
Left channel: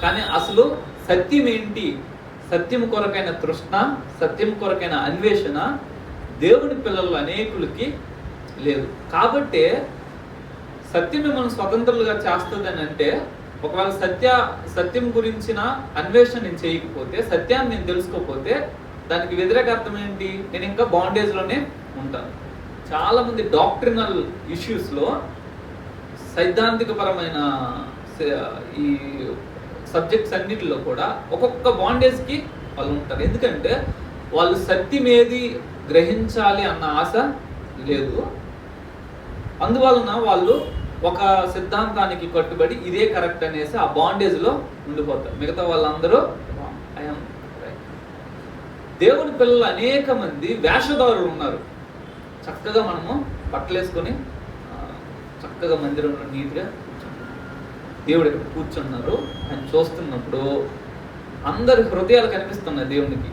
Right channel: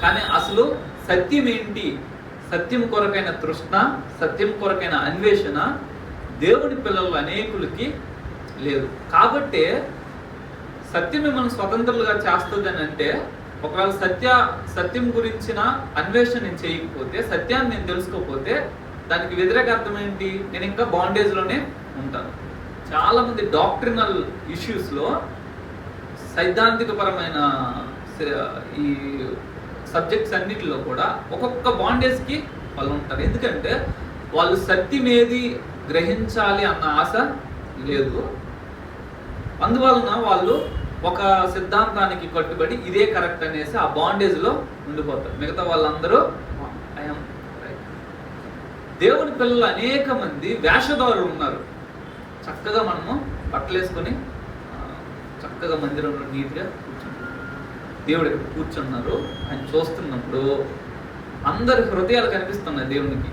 కానీ అసలు సత్యం ఏంటి, సత్యం కొరకైన తృష్ణ, సత్యం కొరకైన అన్వేషణ దేవుని పిల్లలు అనేకులకి లేదు. కాబట్టి సత్యం మిమ్మల్ని స్వతంత్రులుగా చేస్తుంది అని అంటే, ఒకవేళ సత్యం గురించిన అన్వేషణ నేను చేయకపోతే, సత్యాన్ని నేను తెలుసుకోకపోతే, దానికి వ్యతిరేక అర్థం ఏంటి? నేను ఇంకా బాండేజ్లోనే ఉంటాను. చాలామంది డాక్ట్రినల్ ఇష్యూస్లో, సైద్ధాంతికపరమైన ఈ సబ్జెక్ట్స్ అన్నిటిలో కూడా ఒక్కొక్క బాండేజ్కి వాళ్ళు ఉంటారు. ఎందుకంటే వాళ్ళు సత్యం ఏది గ్రహించాలి అన్న ఆశ లేదు. అందువలన వాళ్ళు ఒక సిద్ధాంతానికి కట్టుబడి ఇదే కరెక్ట్ అనేసి ఆ బాండేజ్లో ఉండిపోతారు. మిగతా వాళ్ళందరూ దేవుని పిల్లలు అనేక మంది వేషధారులు ఉన్నారు. చక్కగా మనము బట్టలేసుకొని చక్కగా మందిరంలో నీట్గా దేవుడు ఇక్కడ కూర్చున్నారు. ఆయన చూస్తున్నప్పుడు అందరి హృదయాలు కనిపిస్తున్నాయి దేవునికి.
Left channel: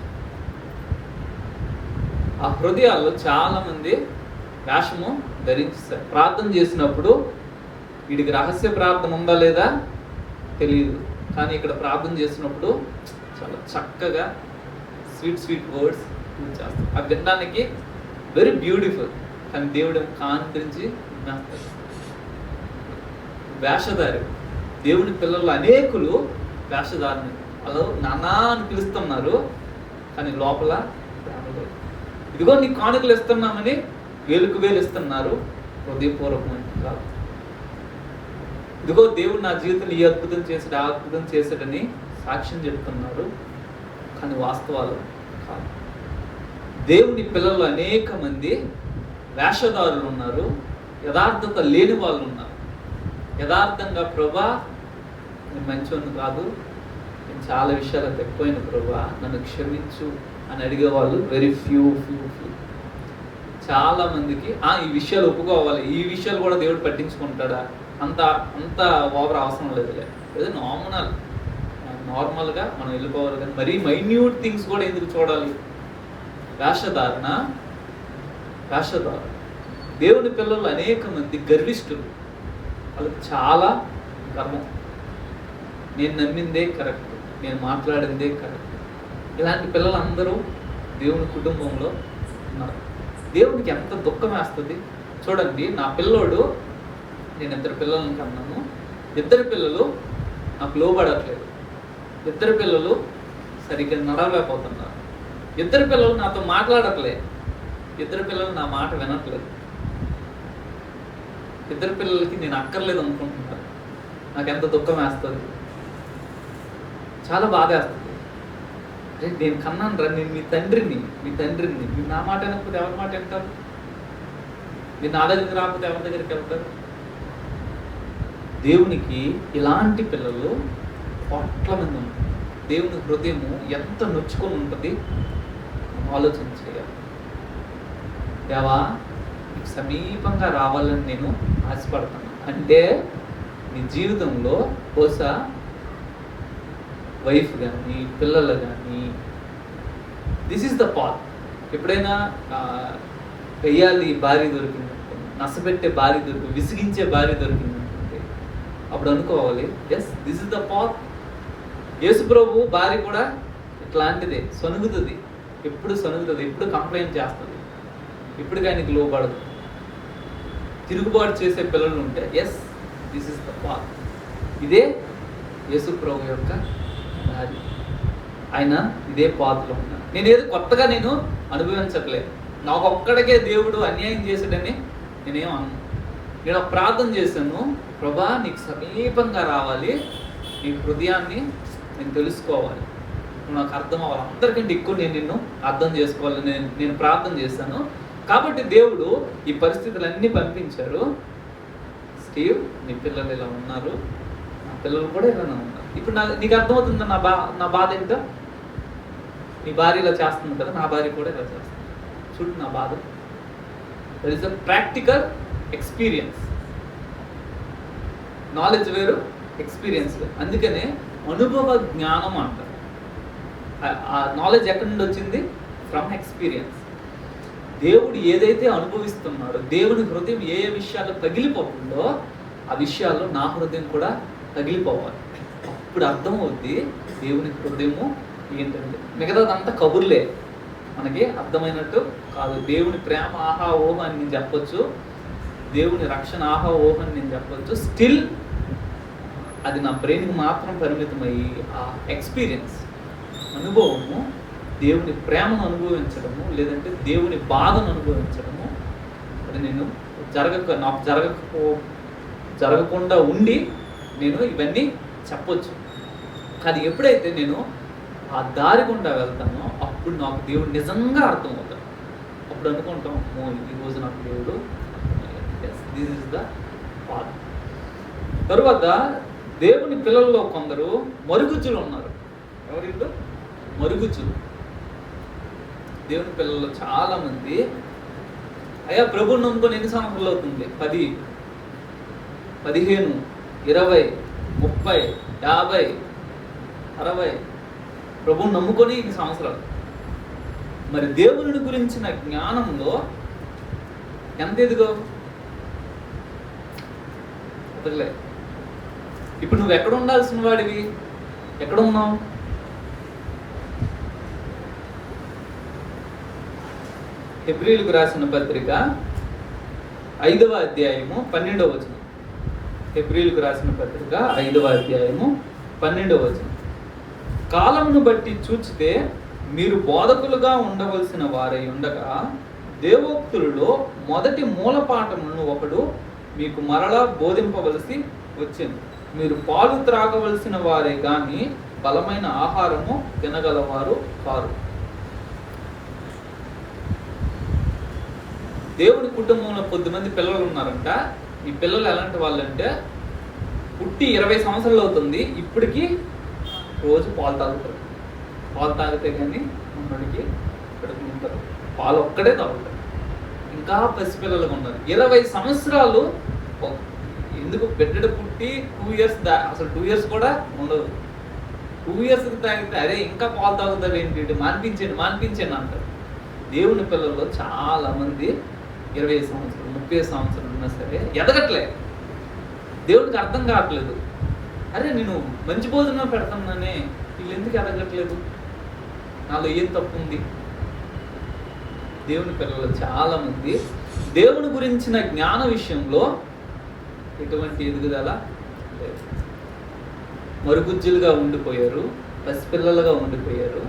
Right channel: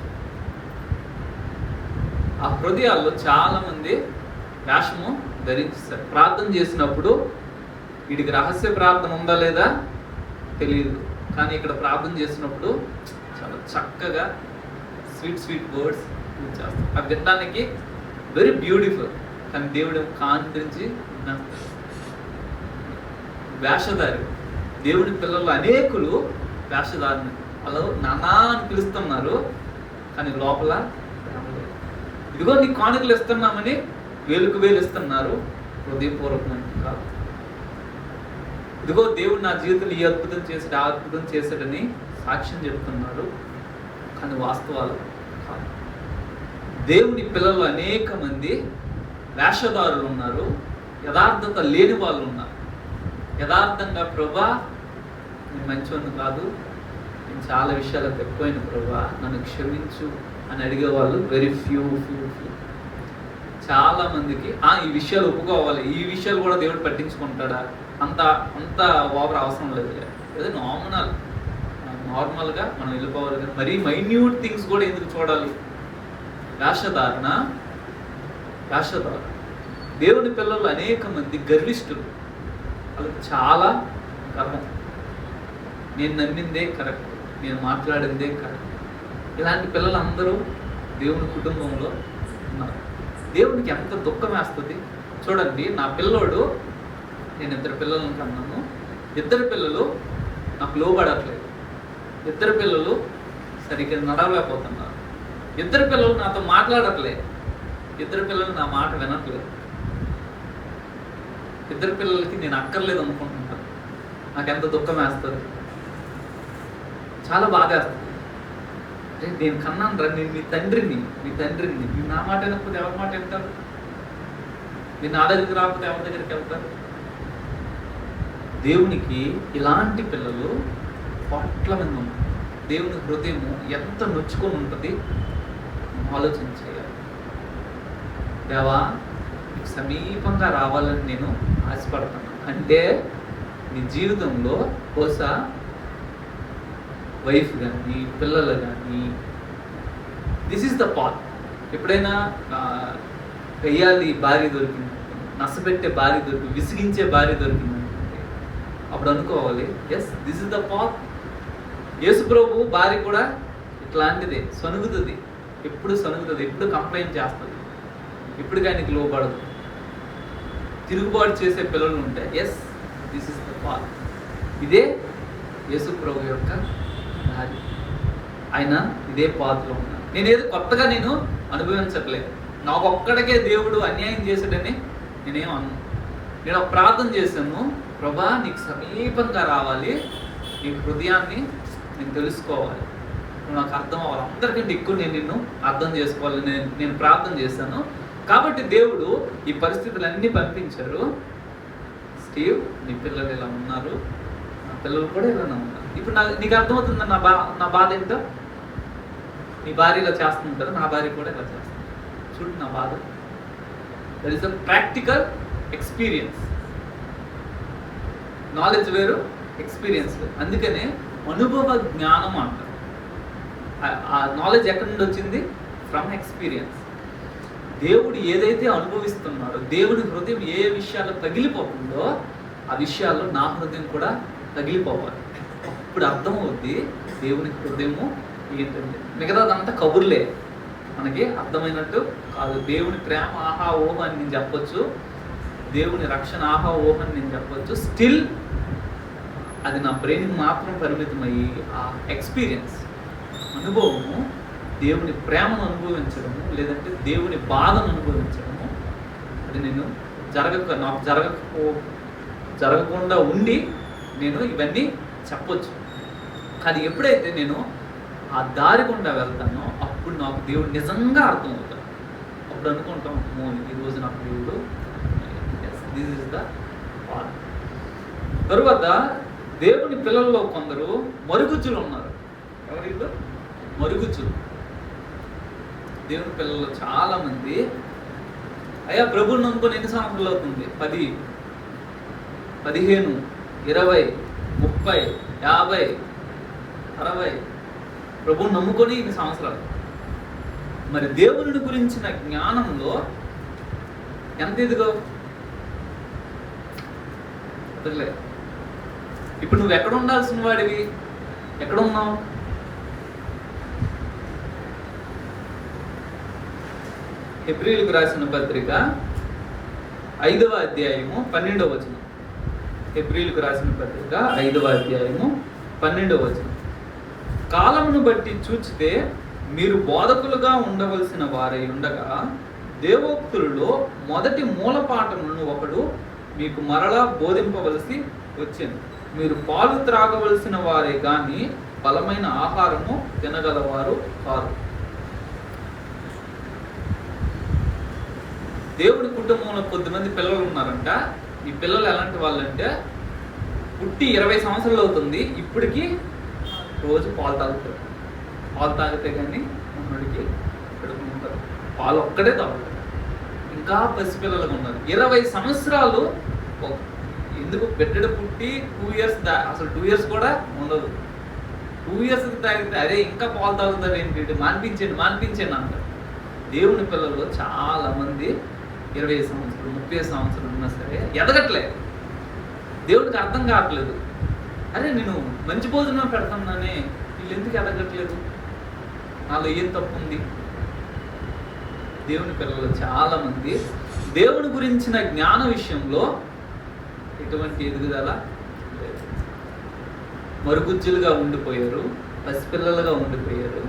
ఆ హృదయాల్లో చాలా మంది వేషము ధరించారు. ప్రార్థన చేసినప్పుడు వీడికి రహస్య ప్రార్థన ఉందా లేదా తెలియదు, కానీ ఇక్కడ ప్రార్థన చేసినప్పుడు చాలా చక్కగా స్వీట్ వర్డ్స్ చేస్తారు. అవి వినడానికి వెరీ బ్యూటిఫుల్, కానీ దేవుడు కాంతించి వేషధారి. దేవుని పిల్లలు అనేకులు వేషధారిని అలా నానా అని పిలుస్తున్నారు, కానీ లోపల ఇదిగో నీ కానుకలు ఇస్తున్నామని వేలుకు వేలు ఇస్తున్నారు హృదయపూర్వకంగా. ఇదిగో దేవుడు నా జీవితంలో ఈ అద్భుతం చేశాడు, ఆ అద్భుతం చేశాడని సాక్ష్యం చెబుతున్నారు, కానీ వాస్తవాలు కాదు. దేవుని పిల్లలు అనేక మంది వేషధారులు ఉన్నారు, యథార్థత లేని వాళ్ళు ఉన్నారు. యథార్థంగా ప్రభా నేను మంచివాడిని కాదు, నేను చాలా విషయాలు తక్కువైన ప్రభా నన్ను క్షమించు అని అడిగే వాళ్ళు వెరీ ఫ్యూ. చాలా మందికి ఈ విషయాలు ఒప్పుకోవాలి, ఈ విషయాలు కూడా దేవుడు పట్టించుకుంటాడా, అంత ఓవర్ అవసరం లేదు. ఏదో నార్మల్గా మనం వెళ్ళిపోవాలి, కానీ మరీ మైన్యూట్ థింగ్స్ కూడా ఎందుకు చూడాలి? వేషధారణ. దేవుని పిల్లలు అనేక మంది గర్విష్ఠులు, వాళ్ళకి చాలా గర్వం. నేను నమ్మిందే కరెక్ట్, నేను మాట్లాడిందే కరెక్ట్. ఇలాంటి పిల్లలందరూ దేవుని కుటుంబంలో ఉన్నారు. దేవునికి ఎంత దుఃఖం వేస్తుంది చూడండి. నా పిల్లోడు, నేను 2 పిల్లలను కన్నాను, 2 పిల్లలు నాకు లోబడట్లేదు, 2 పిల్లలు సరిగ్గా నడవలేకపోతున్నారు, 2 పిల్లలు నాతో మాట్లాడట్లేదు, 2 పిల్లలు నా మాట వినట్లేదు, 2 పిల్లలకి నేను అక్కర్లేదు అనుకుంటున్నాను. నాకు ఎంత దుఃఖం వేస్తుంది, చాలా బాధ వేస్తుంది. నేను కన్నాను రా, నేను మీ తండ్రిని మీరు నా మాట వినకపోతే ఎవరి మాట వింటారు? మీరు నా దగ్గరికి రాకపోతే ఎవరి దగ్గరికి వెళ్తారు? దేవునికి ఇలాంటి పిల్లలు కోట్ల మంది ఉంటారు. దేవుని హృదయము ఎంత నొచ్చుకొని ఉంటుంది ఆలోచించేయాలి. దేవా, నీకు సమీపంగా రావాలని నేను ఆశపడతాను. అంటే నీ జీవితంలో బహుశా వైఫ్ కానీ పిల్లలు కానీ, దిస్ ఈస్ ద పాత్. ఎప్పుడైనా వెయ్యాలి భార్య దొరికింది, నష్టపెట్టే భార్య దొరికింది, విసిగించే భార్య దొరికింది అనుకుంటే అప్పుడు అనుకోవాలి, yes this is the path. Yesu ప్రభు భార్య కూడా ఇట్లాంటిదే, సనుగుతుంది, ఎప్పుడు సనుగుతుంది, ఎప్పుడు కంప్లైంట్ చేస్తుంది, ఇప్పుడు ఆయనకి లోపడదు. తిరుగుబాటు చేసే పిల్లలు ఉంటే yes this is the path. ఇదే యేసు ప్రభు యొక్క భార్య. ఆయన ఇదే పాత్రలో ఉన్నారు. నేనేదో కొత్తగా నేను అనుభవించట్లేదు. నాకు ఒక్కడికే దేవుడు అన్యాయం చేశాడని నేనేం అన్నా. నేను ఒక ప్రార్థన చేశాను, ప్రభా నీకు సమీపంగా రావాలి, నీ హృదయాన్ని నేను తెలుసుకోవాలి, నువ్వు నాకు అర్థం అవ్వాలి, అందరికంటే ఎక్కువ నేను నిన్ను అర్థం చేసుకోవాలి, నేను ప్రార్థన చేశాను. కాబట్టి దేవుడు ఈ పరిస్థితులన్నీ పంపించారు. స్టీవ్, నీ పిల్లలు ఇలా ఉన్నారు, నా పిల్లలు కూడా ఇలానే ఉన్నారు. ఇప్పుడు నీకు అర్థమవుతుంది నా బాధ ఏంటో. నీ భార్య ఇలా చేస్తుంది కదా, నా భార్య కూడా ఇలా చేస్తుంది. చూడు నా బాధ. That is a practical experience. Knowledge వేరు, ఎక్స్పీరియన్స్ వేరు. అందుకనే అనుభవ జ్ఞానం అంటారు. ఆ నాలెడ్జ్ ఎక్కడి నుండి వచ్చింది? From experience. దేవుడు ఏదైతే అనుభవిస్తున్నాడో, దేవుని హృదయం ఏ విషయాలు తగిలిపోతుందో ఆ విషయాలు నా హృదయం కూడా తగిలిపోవాలి. అప్పుడు అర్థమవుద్ది దేవుని హృదయము ఏంటంటే. మిగతాదంతా కబుర్లే, మనకి అర్థమైనట్టు కాదు. దేవుని ప్రేమ ఆహా ఓహ అని నేను చెప్పొచ్చు, దేవుని రక్షణ ఆహా ఓహ అని నేను చెప్పొచ్చు. స్టిల్ అది నా బ్రెయిన్కి మాత్రం పరిమితమయ్యి ఆ ఎక్స్పీరియన్స్, అనుభవము, దేవుని ప్రేమను అనుభవించడము, లేదంటే దేవుని బాధను అనుభవించడము, అది నేను నాకు జరగకుండా ఉండి నేను ఇవన్నీ చెప్పొచ్చు. కానీ ఎప్పుడైతే నేను ఆ దారి గుండా వెళ్తానో అప్పుడు నాకు దేవుడు నిజంగా అర్థమవుతాడు. అప్పుడు అనుకుంటాం, ఈరోజు నాకు దేవుడు, దిస్ ఇస్ ద పాత్. తరువాత దేవుని పిల్లల్లో కొందరు మరుగుజ్జులు ఉన్నారు. ఎవరిలో? మరుగుజ్జులు. దేవుని పిల్లల్లో చాలా మంది, అయ్యా ప్రభువుని నమ్ముకొని ఎన్ని సంవత్సరాలు అవుతుంది? 10, 15, 20, 30, 50, 60 ప్రభువుని నమ్ముకొని ఇన్ని సంవత్సరాలు. మరి దేవుని గురించిన జ్ఞానంలో ఎంత ఎదుగో వదిలే. ఇప్పుడు నువ్వు ఎక్కడ ఉండాల్సిన వాడివి? ఎక్కడ ఉన్నావు? హెబ్రీయులకు రాసిన పత్రిక 5వ అధ్యాయము 12వ వచనం. హెబ్రీయులకు రాసిన పత్రిక 5వ అధ్యాయము 12వ వచనం. కాలమును బట్టి చూచితే మీరు బోధకులుగా ఉండవలసిన వారై ఉండగా దేవోక్తులలో మొదటి మూలపాఠములను ఒకడు మీకు మరలా బోధింపవలసి వచ్చింది. మీరు పాలు త్రాగవలసిన వారే కానీ బలమైన ఆహారము తినగలవారు కారు. దేవుడి కుటుంబంలో కొద్దిమంది పిల్లలు ఉన్నారంట. ఈ పిల్లలు ఎలాంటి వాళ్ళంటే, పుట్టి 20 సంవత్సరాలు అవుతుంది, ఇప్పటికీ రోజు పాలు తాగుతారు. పాలు తాగితే కానీ మనకి ఉంటారు, పాలు ఒక్కడే తాగుతారు. ఇంకా పసిపిల్లలుగా ఉన్నారు. 20 సంవత్సరాలు. ఎందుకు బిడ్డ పుట్టి 2 ఇయర్స్ అసలు 2 ఇయర్స్ కూడా ఉండదు. 2 ఇయర్స్ తాగితే అరే ఇంకా పాలు తాగుతారు ఏంటి, మాన్పించండి అంటారు. దేవుని పిల్లలు చాలా మంది 20 సంవత్సరాలు 30 సంవత్సరాలు ఉన్నా సరే ఎదగట్లేదు. దేవుడికి అర్థం కావట్లేదు. అరే నేను మంచి భోజనం పెడతానే, వీళ్ళు ఎందుకు ఎదగట్లేదు? నాలో ఏం తప్పు ఉంది? దేవుని పిల్లలు చాలా మంది దేవుని గురించిన జ్ఞాన విషయంలో ఎటువంటి ఎదుగుదల లేదు. మరుగుజ్జులుగా ఉండిపోయారు, పసిపిల్లలుగా ఉండిపోయారు.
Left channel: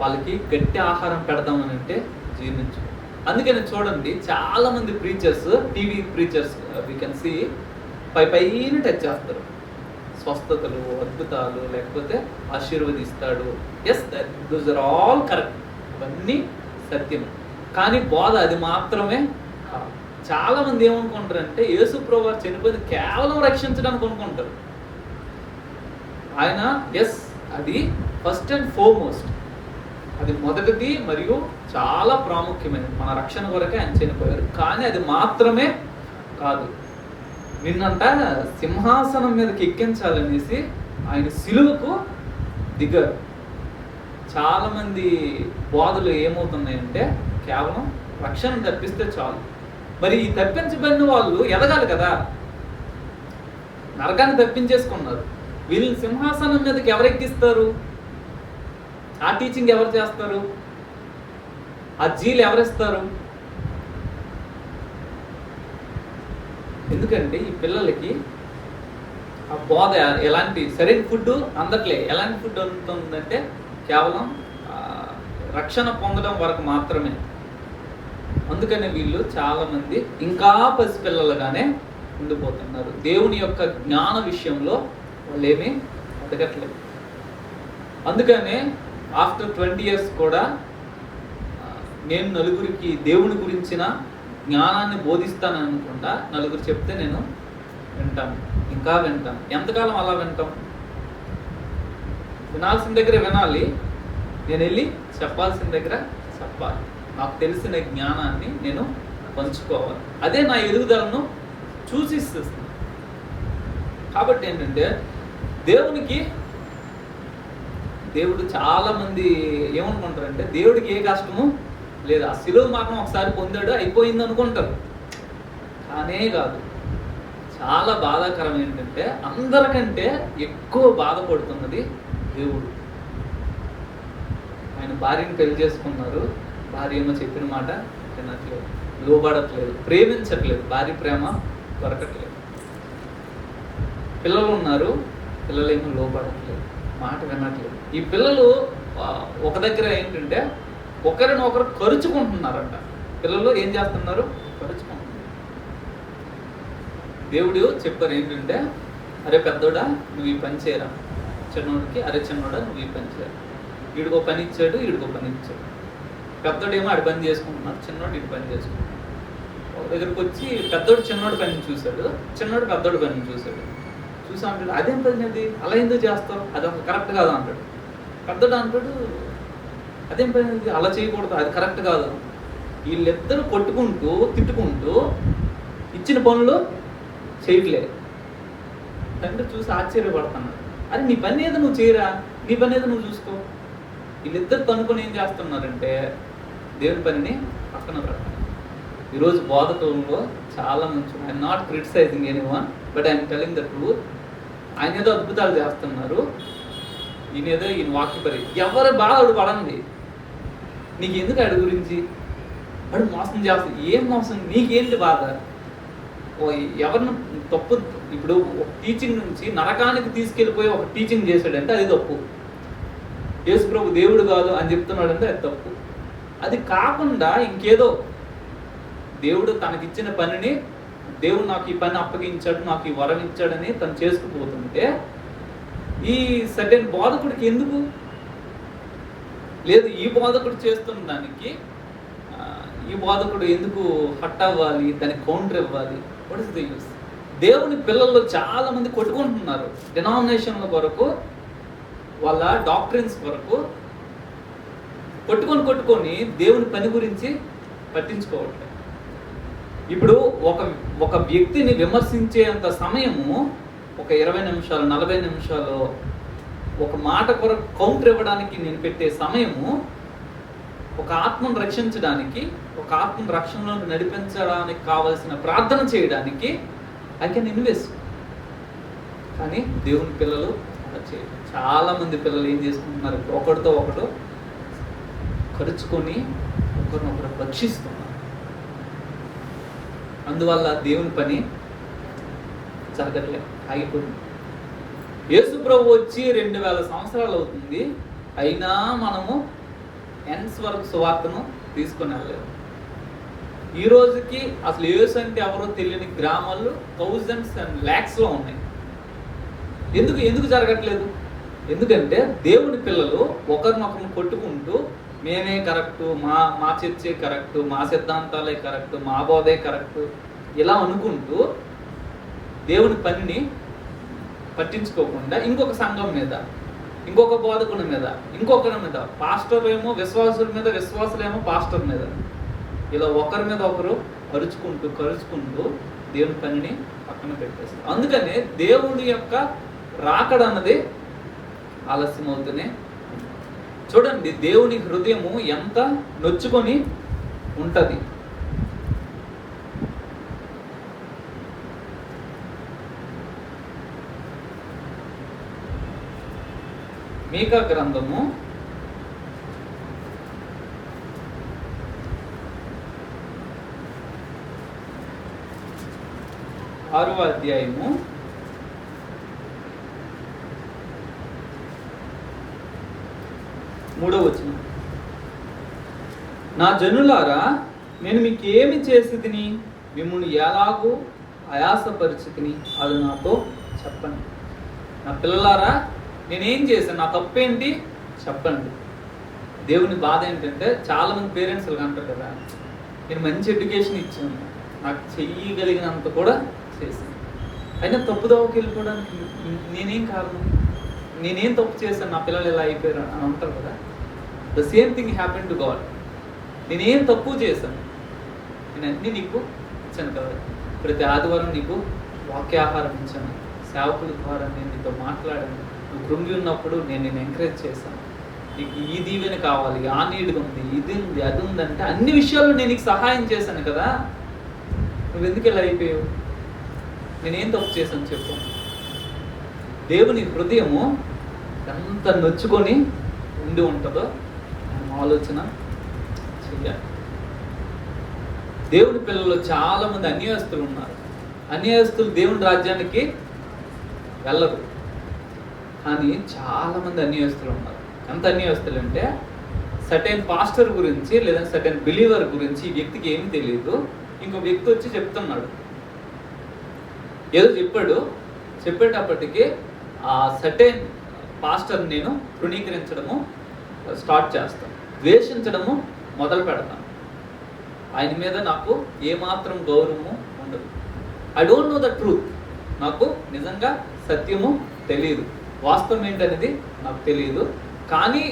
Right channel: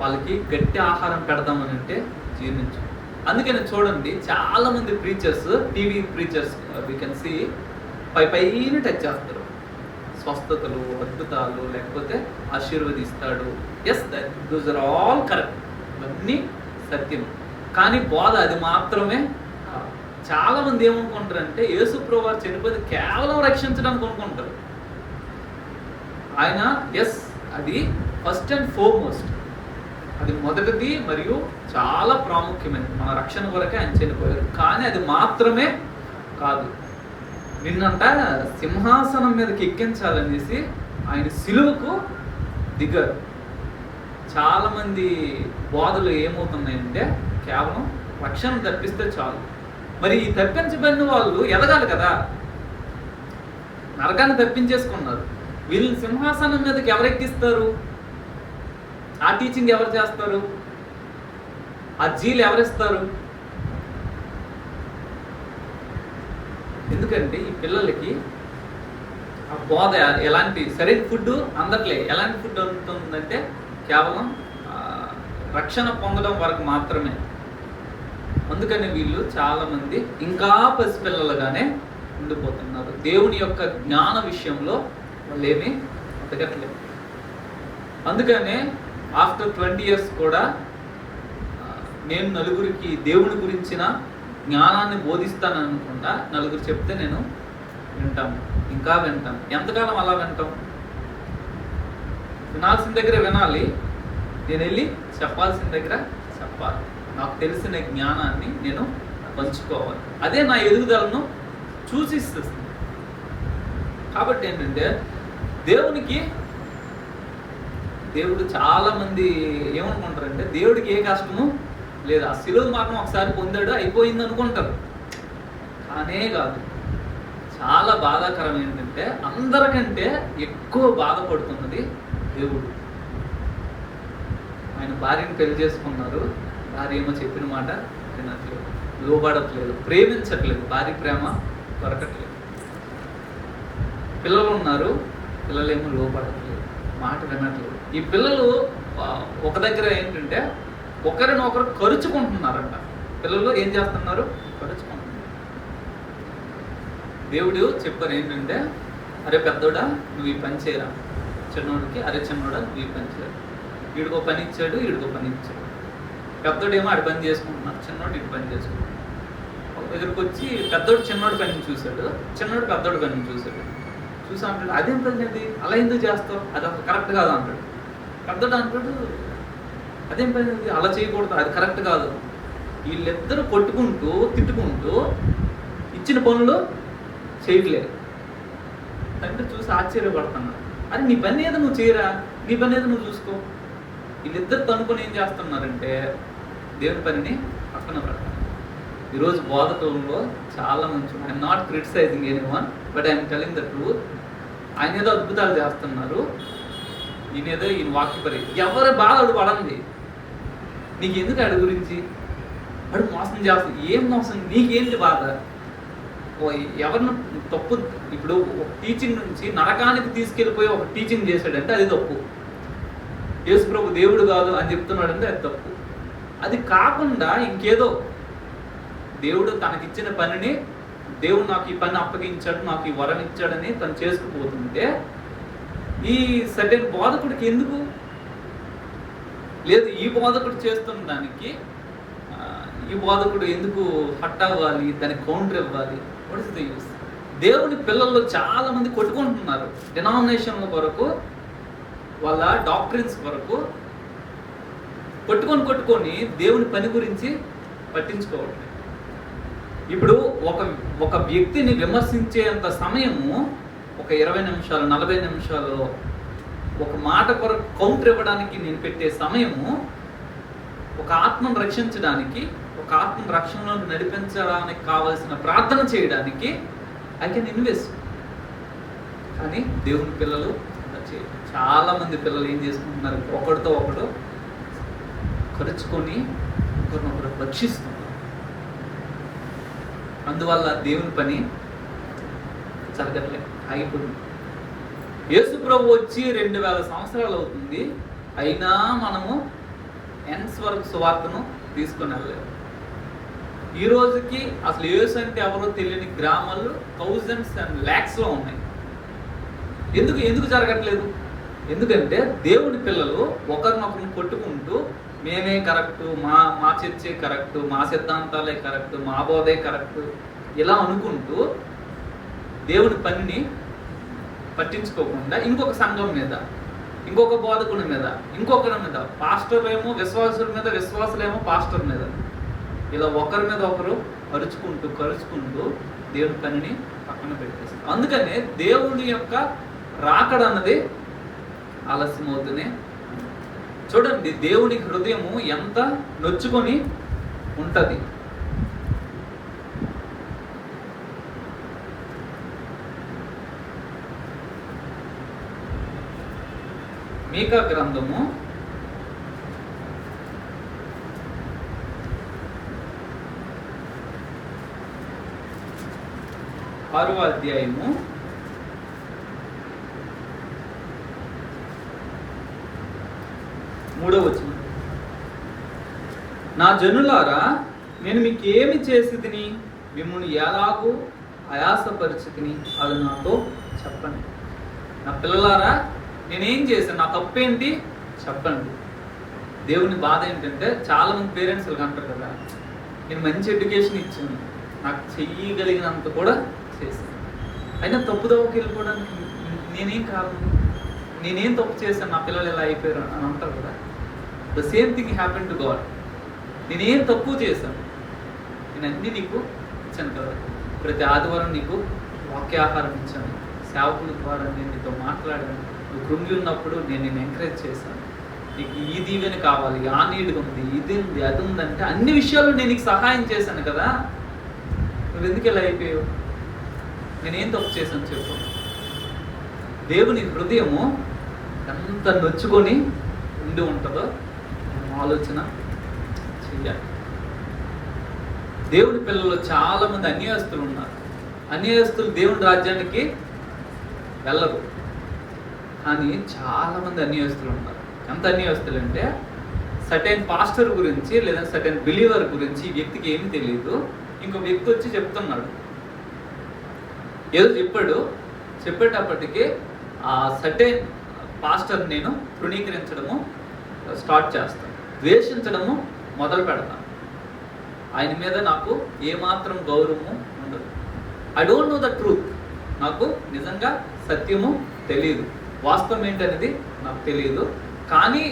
వాళ్ళకి గట్టి ఆహారం పెడదామని అంటే జీర్ణించు. అందుకని చూడండి, చాలా మంది preachers, TV preachers we can see పైన టచ్ చేస్తారు. స్వస్థతలు, అద్భుతాలు, లేకపోతే ఆశీర్వదిస్తాడు. Yes, those are all correct, అవన్నీ సత్యం. కానీ బోధ అది మాత్రమే. చాలా మంది ఏమనుకుంటారంటే యేసు ప్రభువు చనిపోయింది కేవలం రక్షించడానికి అనుకుంటారు. ఆయన ఎస్, అది ఫస్ట్ అండ్ ఫోర్మోస్ట్, అది మొదటిది మరియు చాలా ప్రాముఖ్యమైనది. మన రక్షణ కొరకే ఆయన చనిపోయారు. కానీ అది మాత్రమే కాదు, నిన్నంట సింహాసనం మీదకి ఎక్కించాలనేసి ఆయన సిలువకు దిగారు. చాలా మంది బోధలు ఏమవుతున్నాయంటే కేవలం రక్షణ తప్పిస్తే చాలు. మరి ఈ తప్పించబడిన వాళ్ళు ఎదగాలి కదా, నరకాన్ని తప్పించేసుకున్నారు. వీళ్ళని సింహాసనం మీదకి ఎవరు ఎక్కిస్తారు? ఆ టీచింగ్ ఎవరు చేస్తారు? ఆ జీలు ఎవరిస్తారు? ఎందుకంటే ఈ పిల్లలకి ఆ బోధ ఎలాంటి సరైన ఫుడ్ అందట్లే. ఎలాంటి ఫుడ్ అందుతుందంటే కేవలం రక్షణ పొందడం వరకు మాత్రమే. అందుకని వీళ్ళు చాలా మంది ఇంకా పసిపిల్లలుగానే ఉండిపోతున్నారు. దేవుని యొక్క జ్ఞాన విషయంలో వాళ్ళు ఏమీ ఎదగట్లేదు. అందుకనే ఆఫ్టర్ 20 years కూడా నేను నలుగురికి దేవుని గురించిన జ్ఞానాన్ని బోధిస్తాను అనుకుంటా. నలుగురు చెప్తే నేను వింటాను, ఇంకా వింటాను. ఎంతకాలం అలా వింటాం? వినాల్సిన దగ్గర వినాలి, నేను వెళ్ళి చెప్పాల్సిన దగ్గర చెప్పాలి. నాకు తెలిసిన జ్ఞానాన్ని నేను పంచుకోవాలి. అదే నా ఎదుగుదలను సూచిస్తుంది. కాబట్టి ఏంటంటే దేవుడు చాలా మంది ఏమనుకుంటారంటే దేవుడికి ఏ కష్టము లేదు, ఆ శిలువ మాత్రం ఒకసారి పొందాడు అయిపోయింది అనుకుంటారు. కానే కాదు. చాలా బాధాకరం ఏంటంటే అందరికంటే ఎక్కువ బాధపడుతున్నది దేవుడు. ఆయన భార్యను పెళ్లి చేసుకున్నారు, భార్య ఏమో చెప్పిన మాట వినట్లేదు, లోబడట్లేదు, ప్రేమించట్లేదు, భార్య ప్రేమ దొరకట్లేదు. పిల్లలు ఉన్నారు, పిల్లలేమో లోబడట్లేదు, మాట వినట్లేదు. ఈ పిల్లలు ఒక దగ్గర ఏంటంటే ఒకరినొకరు కరుచుకుంటున్నారంట. పిల్లలు ఏం చేస్తున్నారు? కరుచుకుంటున్నారు. దేవుడు చెప్పారు ఏంటంటే, అరే పెద్దోడా నువ్వు ఈ పని చేయరా, చిన్నోడికి అరే చిన్నోడా నువ్వు ఈ పని చేయరా. వీడికో పని ఇచ్చాడు, వీడికో పని ఇచ్చాడు. పెద్దోడేమో ఆడి పని చేసుకుంటున్నాడు, చిన్నోడు ఇటు పని చేసుకుంటున్నాడు. ఒక దగ్గరికి వచ్చి పెద్దోడు చిన్నోడి పని చూశాడు, చిన్నోడు పెద్దోడి పని చూశాడు. చూసా అంటాడు, అదేం పని అది, అలా ఎందుకు చేస్తావు, అది అసలు కరెక్ట్ కాదు అంటాడు. పెద్దోడు అంటాడు, అదేం పని అది, అలా చేయకూడదు, అది కరెక్ట్ కాదు. వీళ్ళిద్దరూ కొట్టుకుంటూ తిట్టుకుంటూ ఇచ్చిన పనులు చేయట్లేదు. తండ్రి చూసి ఆశ్చర్యపడుతున్నాడు, అరే నీ పని ఏదో నువ్వు చేయరా, నీ పని ఏదో నువ్వు చూసుకో. వీళ్ళిద్దరు తనుకొని ఏం చేస్తున్నారంటే దేవుని పనిని పక్కన పెడతారు. ఈరోజు బోధకులలో చాలా మంచి, I'm not criticising anyone, but I'm telling the truth. ఆయన ఏదో అద్భుతాలు చేస్తున్నారు, ఈయన వాక్యపరి. ఎవరి బాధ అడు పడండి, నీకు ఎందుకు అడి గురించి, అడు మోసం చేస్తుంది. ఏం మోసం? నీకేంటి బాధ? ఎవరిని తప్పు, ఇప్పుడు ఒక టీచింగ్ నుంచి నరకానికి తీసుకెళ్ళిపోయి ఒక టీచింగ్ చేశాడంటే అది తప్పు. యేసు ప్రభు దేవుడు కాదు అని చెప్తున్నాడంటే అది తప్పు. అది కాకుండా ఇంకేదో దేవుడు తనకిచ్చిన పనిని, దేవుడు నాకు ఈ పని అప్పగించాడు, నాకు ఈ వరం ఇచ్చాడని తను చేసుకుపోతుంటే ఈ సర్టెన్ బోధకుడికి ఎందుకు లేదు? ఈ బోధకుడు చేస్తున్న దానికి ఈ బోధకుడు ఎందుకు హట్ అవ్వాలి, దానికి కౌంటర్ ఇవ్వాలి? What is the use? దేవుని పిల్లల్లో చాలా మంది కొట్టుకుంటున్నారు డినామినేషన్ల కొరకు, వాళ్ళ డాక్ట్రిన్స్ కొరకు కొట్టుకొని దేవుని పని గురించి పట్టించుకోవట్లేదు. ఇప్పుడు ఒక వ్యక్తిని విమర్శించేంత సమయము ఒక 20 నిమిషాలు 40 నిమిషాలు ఒక మాట కొరకు కౌంటర్ ఇవ్వడానికి నేను పెట్టే సమయము ఒక ఆత్మను రక్షించడానికి, ఒక ఆత్మను రక్షణలోకి నడిపించడానికి కావలసిన ప్రార్థన చేయడానికి ఐ కెన్ ఇన్వెస్ట్. కానీ దేవుని పిల్లలు చాలా మంది పిల్లలు ఏం చేసుకుంటున్నారు, ఒకటితో ఒకటి ఖర్చుకొని ఒకరినొకరు రక్షిస్తున్నారు. అందువల్ల దేవుని పని జరగట్లేదు, ఆగిపోయింది. యేసు ప్రభు వచ్చి 2000 సంవత్సరాలు అవుతుంది, అయినా మనము ఎన్స్ వరకు సువార్తను తీసుకొని వెళ్ళలేదు. ఈ రోజుకి అసలు యేసు అంటే ఎవరో తెలియని గ్రామాలు థౌజండ్స్ అండ్ ల్యాక్స్లో ఉన్నాయి. ఎందుకు జరగట్లేదు? ఎందుకంటే దేవుని పిల్లలు ఒకరినొకరిని కొట్టుకుంటూ మేమే కరెక్టు, మా చర్చే కరెక్టు, మా సిద్ధాంతాలే కరెక్టు, మా బోధే కరెక్టు ఇలా అనుకుంటూ దేవుని పనిని పట్టించుకోకుండా ఇంకొక సంఘం మీద, ఇంకొక బోధకుని మీద, ఇంకొకరి మీద, పాస్టర్ ఏమో విశ్వాసుల మీద, విశ్వాసులేమో పాస్టర్ మీద, ఇలా ఒకరి మీద ఒకరు కరుచుకుంటూ దేవుని పనిని పక్కన పెట్టేస్తారు. అందుకనే దేవుని యొక్క రాకడ అన్నది ఆలస్యం అవుతూనే. చూడండి, దేవుని హృదయము ఎంత నొచ్చుకొని ఉంటది. మీకా గ్రంథము 6వ అధ్యాయము 3వ వచనం. నా జనులారా, నేను మీకు ఏమి చేసి తిని మిమ్మల్ని ఎలాగూ ఆయాసపరిచితిని అది నాతో చెప్పండి. నా పిల్లలారా, నేనేం చేశాను, నా తప్పేంటి చెప్పండి. దేవుని బాధ ఏంటంటే చాలా మంది పేరెంట్స్ అంటారు కదా, నేను మంచి ఎడ్యుకేషన్ ఇచ్చాను, నాకు చెయ్యగలిగినంత కూడా చేశాను, అయినా తప్పుదోవకి వెళ్ళిపోవడానికి నేనేం కాదు, నేనేం తప్పు చేశాను, నా పిల్లలు ఇలా అయిపోయారు అని అంటారు కదా. The same thing happen to God. నేనేం తప్పు చేశాను, నేను అన్నీ నీకు ఇచ్చాను కదా. ప్రతి ఆదివారం నీకు వాక్యాహారం ఇచ్చాను, సేవకుల ద్వారా నేను నీతో మాట్లాడాను, నువ్వు కృంగి ఉన్నప్పుడు నేను ఎంకరేజ్ చేశాను, నీకు ఈ దీవెన కావాలి, ఆ నీడు ఉంది, ఇది ఉంది, అది ఉందంటే అన్ని విషయాల్లో నేను నీకు సహాయం చేశాను కదా. నువ్వు ఎందుకు ఇలా అయిపోయావు? నేనేం తప్పు చేశాను చెప్పు. దేవుని హృదయము ఎంత నొచ్చుకొని ఉండి ఉంటుందో ఆలోచన చెయ్యాలి. దేవుని పిల్లలు చాలా మంది అన్యాయస్తులు ఉన్నారు. అన్యాయస్తులు దేవుని రాజ్యానికి వెళ్ళరు, కానీ చాలా మంది అన్యాయస్తులు ఉన్నారు. ఎంత అన్యాయస్తులు అంటే, సర్టెన్ పాస్టర్ గురించి లేదా సర్టెన్ బిలీవర్ గురించి ఈ వ్యక్తికి ఏమి తెలియదు, ఇంకో వ్యక్తి వచ్చి చెప్తున్నాడు, ఏదో చెప్పేటప్పటికి ఆ సర్టెన్ పాస్టర్ నేను తృణీకరించడము స్టార్ట్ చేస్తాను, ద్వేషించడము మొదలు పెడతాను, ఆయన మీద నాకు ఏమాత్రం గౌరవము ఉండదు. I don't know the truth. నాకు నిజంగా సత్యము తెలియదు, వాస్తవం ఏంటనేది నాకు తెలియదు, కానీ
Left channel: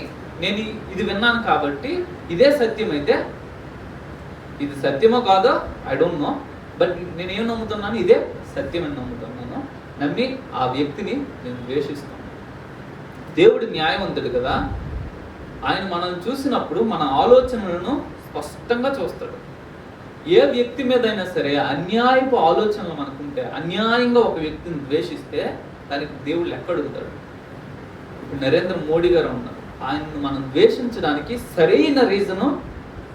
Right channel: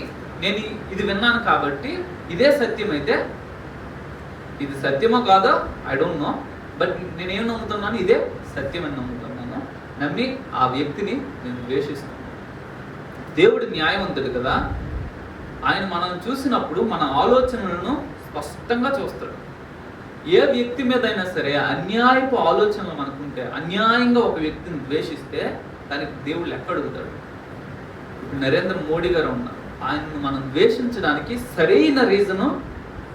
నేను ఇది విన్నాను కాబట్టి ఇదే సత్యం అయితే, ఇది సత్యమో కాదో ఐ డోంట్ నో, బట్ నేనేం నమ్ముతున్నాను, ఇదే సత్యం అని నమ్ముతున్నాను. నమ్మి ఆ వ్యక్తిని నేను ద్వేషిస్తాను. దేవుడు న్యాయవంతుడు కదా, ఆయన మనం చూసినప్పుడు మన ఆలోచనలను స్పష్టంగా చూస్తాడు. ఏ వ్యక్తి మీద అయినా సరే అన్యాయపు ఆలోచనలు మనకుంటే, అన్యాయంగా ఒక వ్యక్తిని ద్వేషిస్తే దానికి దేవుడు ఎక్కడుగుతాడు. ఇప్పుడు నరేంద్ర మోడీ గారు ఉన్నారు, ఆయన్ని మనం ద్వేషించడానికి సరైన రీజను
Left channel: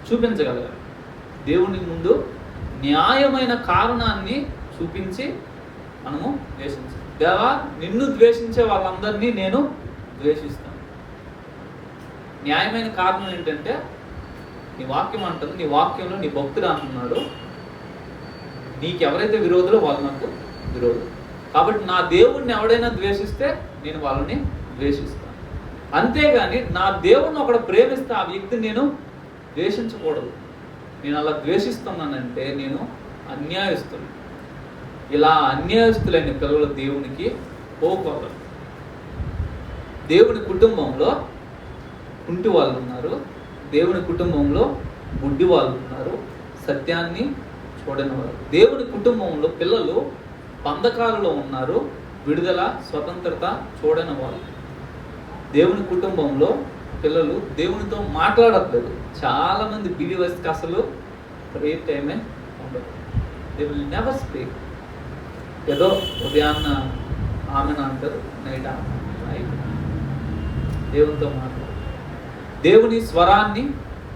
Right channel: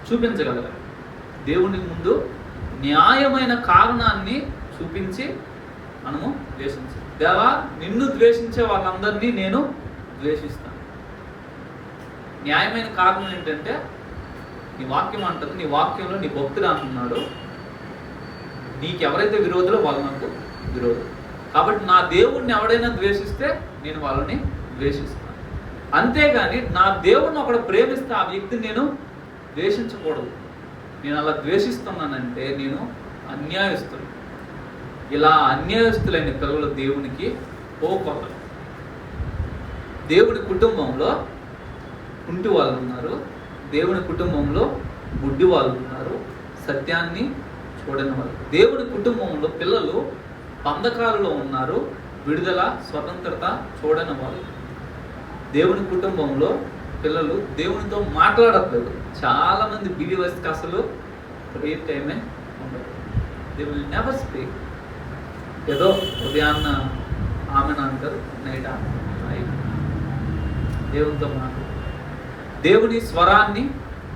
చూపించగలగాలి. దేవుని ముందు న్యాయమైన కారణాన్ని చూపించి మనము ద్వేషించాలి. దేవా, నిన్ను ద్వేషించే వాళ్ళందరినీ నేను ద్వేషిస్తాను. న్యాయమైన కారణం ఏంటంటే, నీ వాక్యం అంటుంది, నీ వాక్యంలో నీ భక్తుడు అంటున్నాడు, నీకు ఎవరైతే విరోధులో వాళ్ళు నాకు విరోధులు. కాబట్టి నా దేవుడిని ఎవడైనా ద్వేషిస్తే నేను వాళ్ళని ద్వేషిస్తాను. అంతేగాని నా దేవుడిని ఒకడు ప్రేమిస్తే ఆ వ్యక్తిని నేను ద్వేషించకూడదు. నేను అలా ద్వేషిస్తున్నానంటే నేను అన్యాయస్తులు. ఇలా అన్యాయస్తులైన పిల్లలు దేవునికి పోకూడదు. దేవుని కుటుంబంలో కుంటి వాళ్ళు ఉన్నారు, దేవుని కుటుంబంలో గుడ్డి వాళ్ళు ఉన్నారు, సత్యాన్ని చూడని వాళ్ళు. దేవుని కుటుంబంలో పిల్లలు బంధకాలలో ఉన్నారు, విడుదల స్వతంత్రత చూడని వాళ్ళు. దేవుని కుటుంబంలో పిల్లలు దేవునితో మాట్లాడట్లేదు. చాలా మంది బిలీవర్స్కి అసలు ప్రేయర్ టైమే ఉండదు. They will never speak. ఏదో ఉదయాన్న ఆమెను అంటారు, నైట్ దేవునితో మాట్లాడు. దేవుని స్వరాన్ని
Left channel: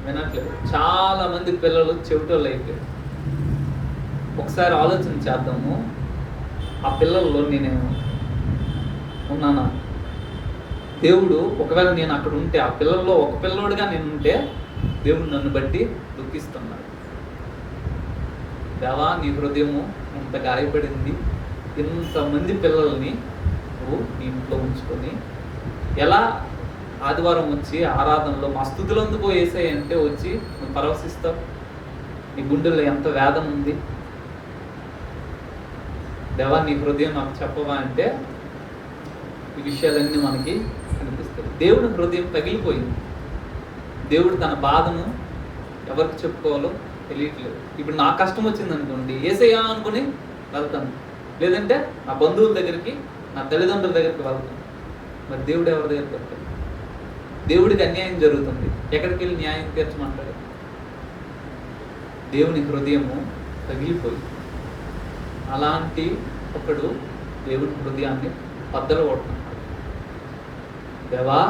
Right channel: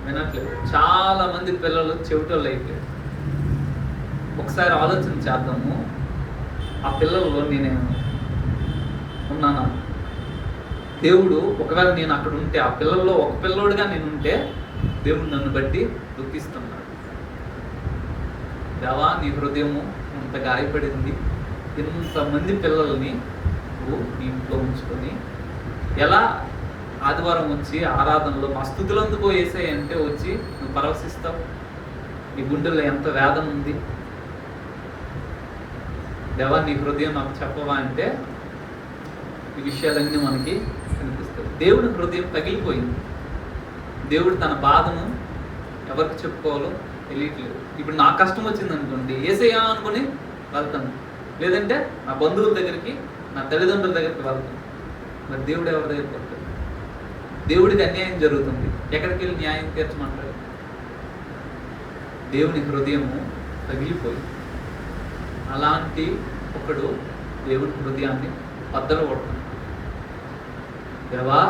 వినట్లేదు. చాలా మంది పిల్లలు చెవిటోళ్ళు అయిపోయారు. ఒకసారి ఆలోచన చేద్దాము, ఆ పిల్లల్లో నేనేమో ఉన్నానా? దేవుడు ఒకవేళ నేను అక్కడ ఉంటే, ఆ పిల్లల్లో ఒక పిల్లోడుగా నేను ఉంటే, దేవుడు నన్ను బట్టి దుఃఖిస్తున్నాడు. దేవా, నీ హృదయము అంత గాయపడింది, ఇంతమంది పిల్లల్ని నువ్వు నీ ఇంట్లో ఉంచుకొని ఎలా ఆదివారం వచ్చి ఆరాధనలో మా స్తుతులందుకో యేసయ్య అంటే వచ్చి నువ్వు పరవశిస్తావు? నీ గుండెల్లో ఎంత వేదన ఉంది. దేవా, నీ హృదయం నాకు చెప్పవా అంటే ఈ విషయాలన్నీ మనకి కనిపిస్తాయి. దేవుడి హృదయం పగిలిపోయింది. దేవుడు తన బాధను ఎవరికి చెప్పుకోవాలో తెలియట్లేదు. ఇప్పుడు నా కష్టం వచ్చింది అనుకోండి, యేసయ్యా అనుకుని వెళ్తాను, లేదంటే నా బంధువుల దగ్గరికి, నా తల్లిదండ్రుల దగ్గరికి వెళ్తాను. మరి దేవుడు ఎవరి దగ్గరికి వెళ్తాడు? దేవుడికి అన్యాయం జరుగుతుంది, ఎక్కడికి వెళ్ళి న్యాయం తీర్చమంటాడు? దేవుని హృదయము పగిలిపోయి, అలాంటి ఒకడు దేవుని హృదయాన్ని బద్దలు కొడుతుంది. దేవా,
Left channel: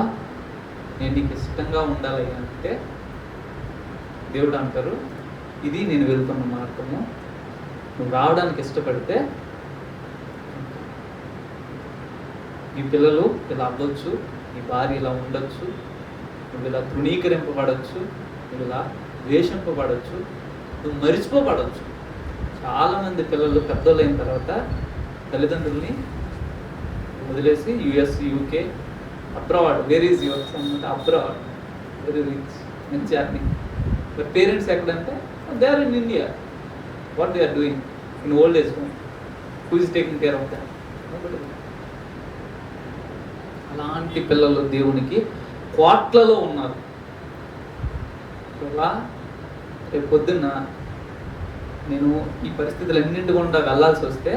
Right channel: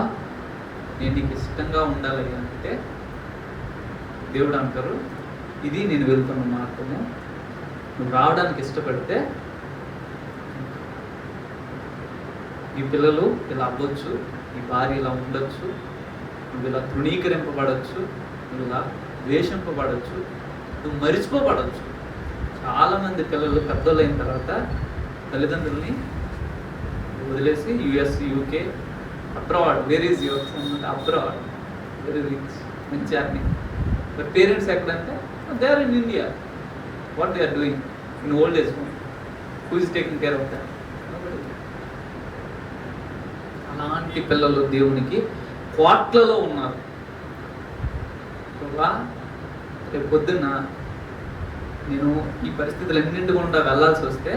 నేను నీకు ఇష్టంగా ఉండాలి అంటే దేవుడు అంటారు, ఇది నేను వెళ్తున్న మార్గము, నువ్వు రావడానికి ఇష్టపడితే నీ పిల్లలు ఇలా అవ్వచ్చు, నీ భార్య ఇలా ఉండొచ్చు, నువ్వు ఇలా తృణీకరింపబడచ్చు, నువ్వు ఇలా ద్వేషింపబడచ్చు, నువ్వు మరిచిపోబడచ్చు. చాలామంది పిల్లలు పెద్దలు అయిన తర్వాత తల్లిదండ్రుల్ని వదిలేసి US, UK, abroad, where is your son అంటే అబ్రాడ్, వెరీ రిచ్, మంచి అర్నింగ్. బట్ పేరెంట్స్ ఎక్కడంటే they are in India. What they are doing in old age home? Who is taking care of that? అలాంటి పిల్లలు దేవునికి కోట్లలో ఉన్నారు. రేపు పొద్దున్న నేను ఈ పరిస్థితులన్నింటి గుండా వెళ్ళాల్సి వస్తే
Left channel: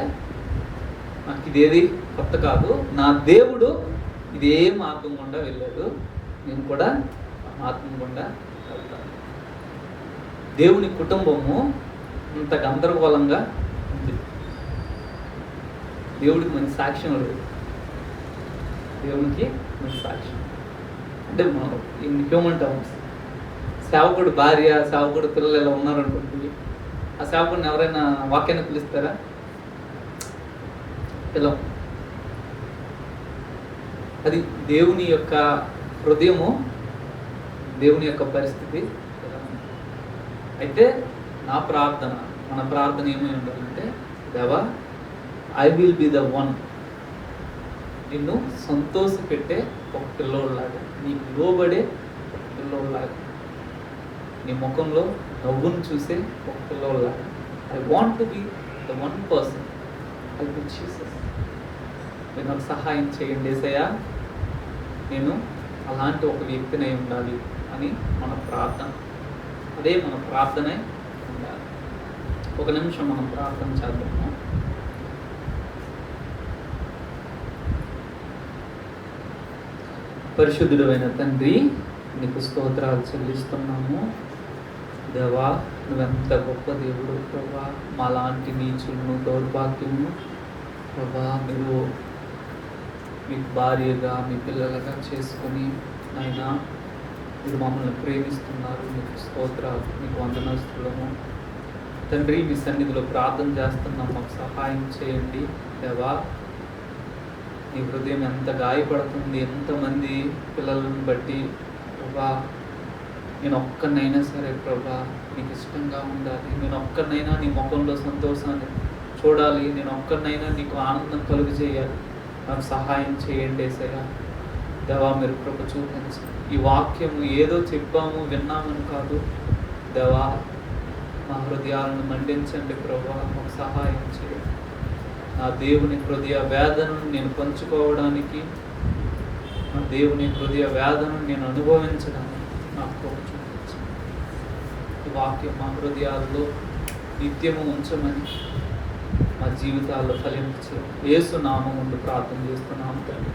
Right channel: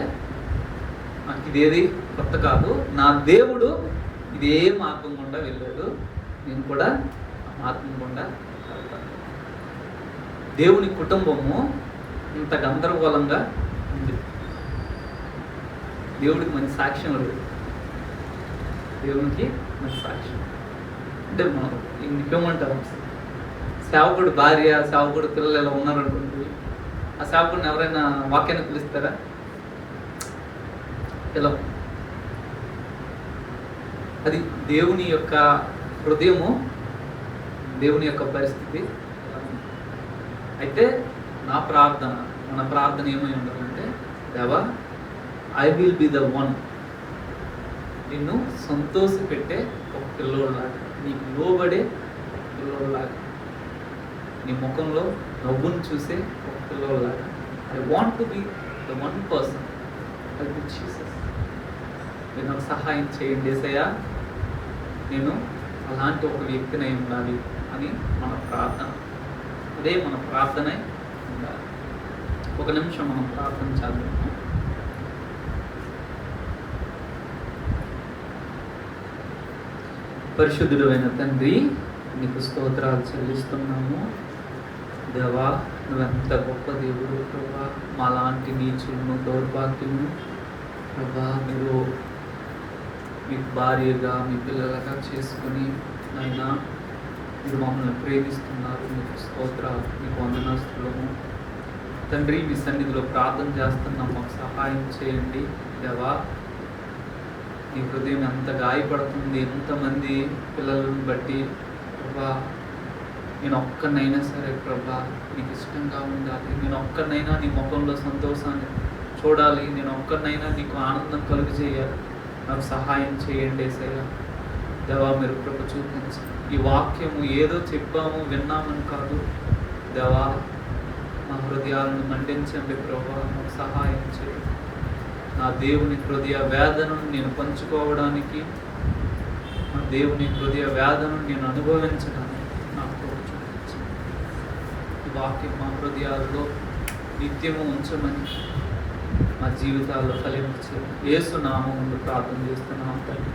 నాకు ఇదేది కొత్త కాదు. నా దేవుడు ఇదే మార్గం గుండా వెళ్ళాడు, నేను కూడా మార్గం గుండా వెళ్తాను. దేవుని కుటుంబము ఇంత గందరగోళంగా ఉంది. దేవుడికి మంచి సాక్ష్యం లేదు. దేవునికి మంచి సాక్ష్యం అంటే ఇన్ హ్యూమన్ టర్మ్స్, సేవకుడు భార్య, సేవకుడు పిల్లలు ఎలా ఉన్నారనుకుంటుంది, ఆ సేవకుడిని ఎవరైనా వాక్యాన్ని పిలుస్తారా? ఎలా? అది దేవుని యొక్క హృదయము, దేవుని యొక్క పరిస్థితి. అయితే నా ప్రార్థన, మన ప్రార్థన ఏమై ఉండాలంటే, దేవా, I will be the one, నిన్ను సంతోష పెట్టే ఒక పిల్లోడులాగా, నీకు లోబడే పిల్లోడులాగా, నీ ముఖంలో నవ్వును చూసే ఒక పిల్లోడులాగా. I want to be the one person. I will Jesus. మీరు నాకు సహాయం చేయండి యేసయ్యా, నేను అలాంటి ఒక వ్యక్తినై ఉండాలి అని మన ప్రార్థన. అదే మన ప్రార్థనే ఉండాలి. ఒక నిమిషం మనం ప్రార్థన చేద్దాం. పరిశుద్ధుడైన తండ్రి, నీకు స్తోత్రాలు చెల్లిస్తున్నాము. దేవా, నువ్వెంత గొప్ప దేవుడు ప్రభా. మాలాంటి నీచులను, దౌర్భాగ్యము ప్రభా, నువ్వు మీ భార్యగా, మీ పిల్లలుగా చేసుకొని అయినా మీరు మమ్మల్ని ప్రేమిస్తున్నారు. మీకు స్తోత్రాలు, మీకు వందనస్తులము తండ్రి. మీ సన్నిధిలో ప్రార్థన చేస్తున్నాం, మాకు సహాయం చేయండి దేవా. నీ హృదయం ఎంత గాయపడుతుంది, ఎంతమంది పిల్లలను బట్టి ప్రభా. నేను ఒక్కనైనా సరే ప్రభా నీకు ఇష్టంగా ఉండాలి, నేను ఒక్కనైనా నీ ముఖంలో సంతోషాన్ని చూడాలి, నేను ఒక్కనైనా నీకు ఆనందం కలుగు చేయాలి. నాకు సహాయం చేయండి యేసయ్యా. దేవా, మీరు కృప చూపించండి. ఈ వాక్యము ఏదో చెప్పాము విన్నామని కాదు దేవా, మా హృదయాలను మండించండి ప్రభా. నాకు సహాయం చేయండి. నా దేవుని హృదయ వేదనను నేను పంచుకోవడానికి, నా దేవుని హృదయ వేదనను నేను అనుభవించడానికి నాకు చూపించండి. ఈ వాక్యం మా హృదయాల్లో నిత్యము ఉంచమని, మా జీవితాల్లో ఫలించు యేసు నామములో ప్రార్థన చేస్తున్నాం తండ్రి.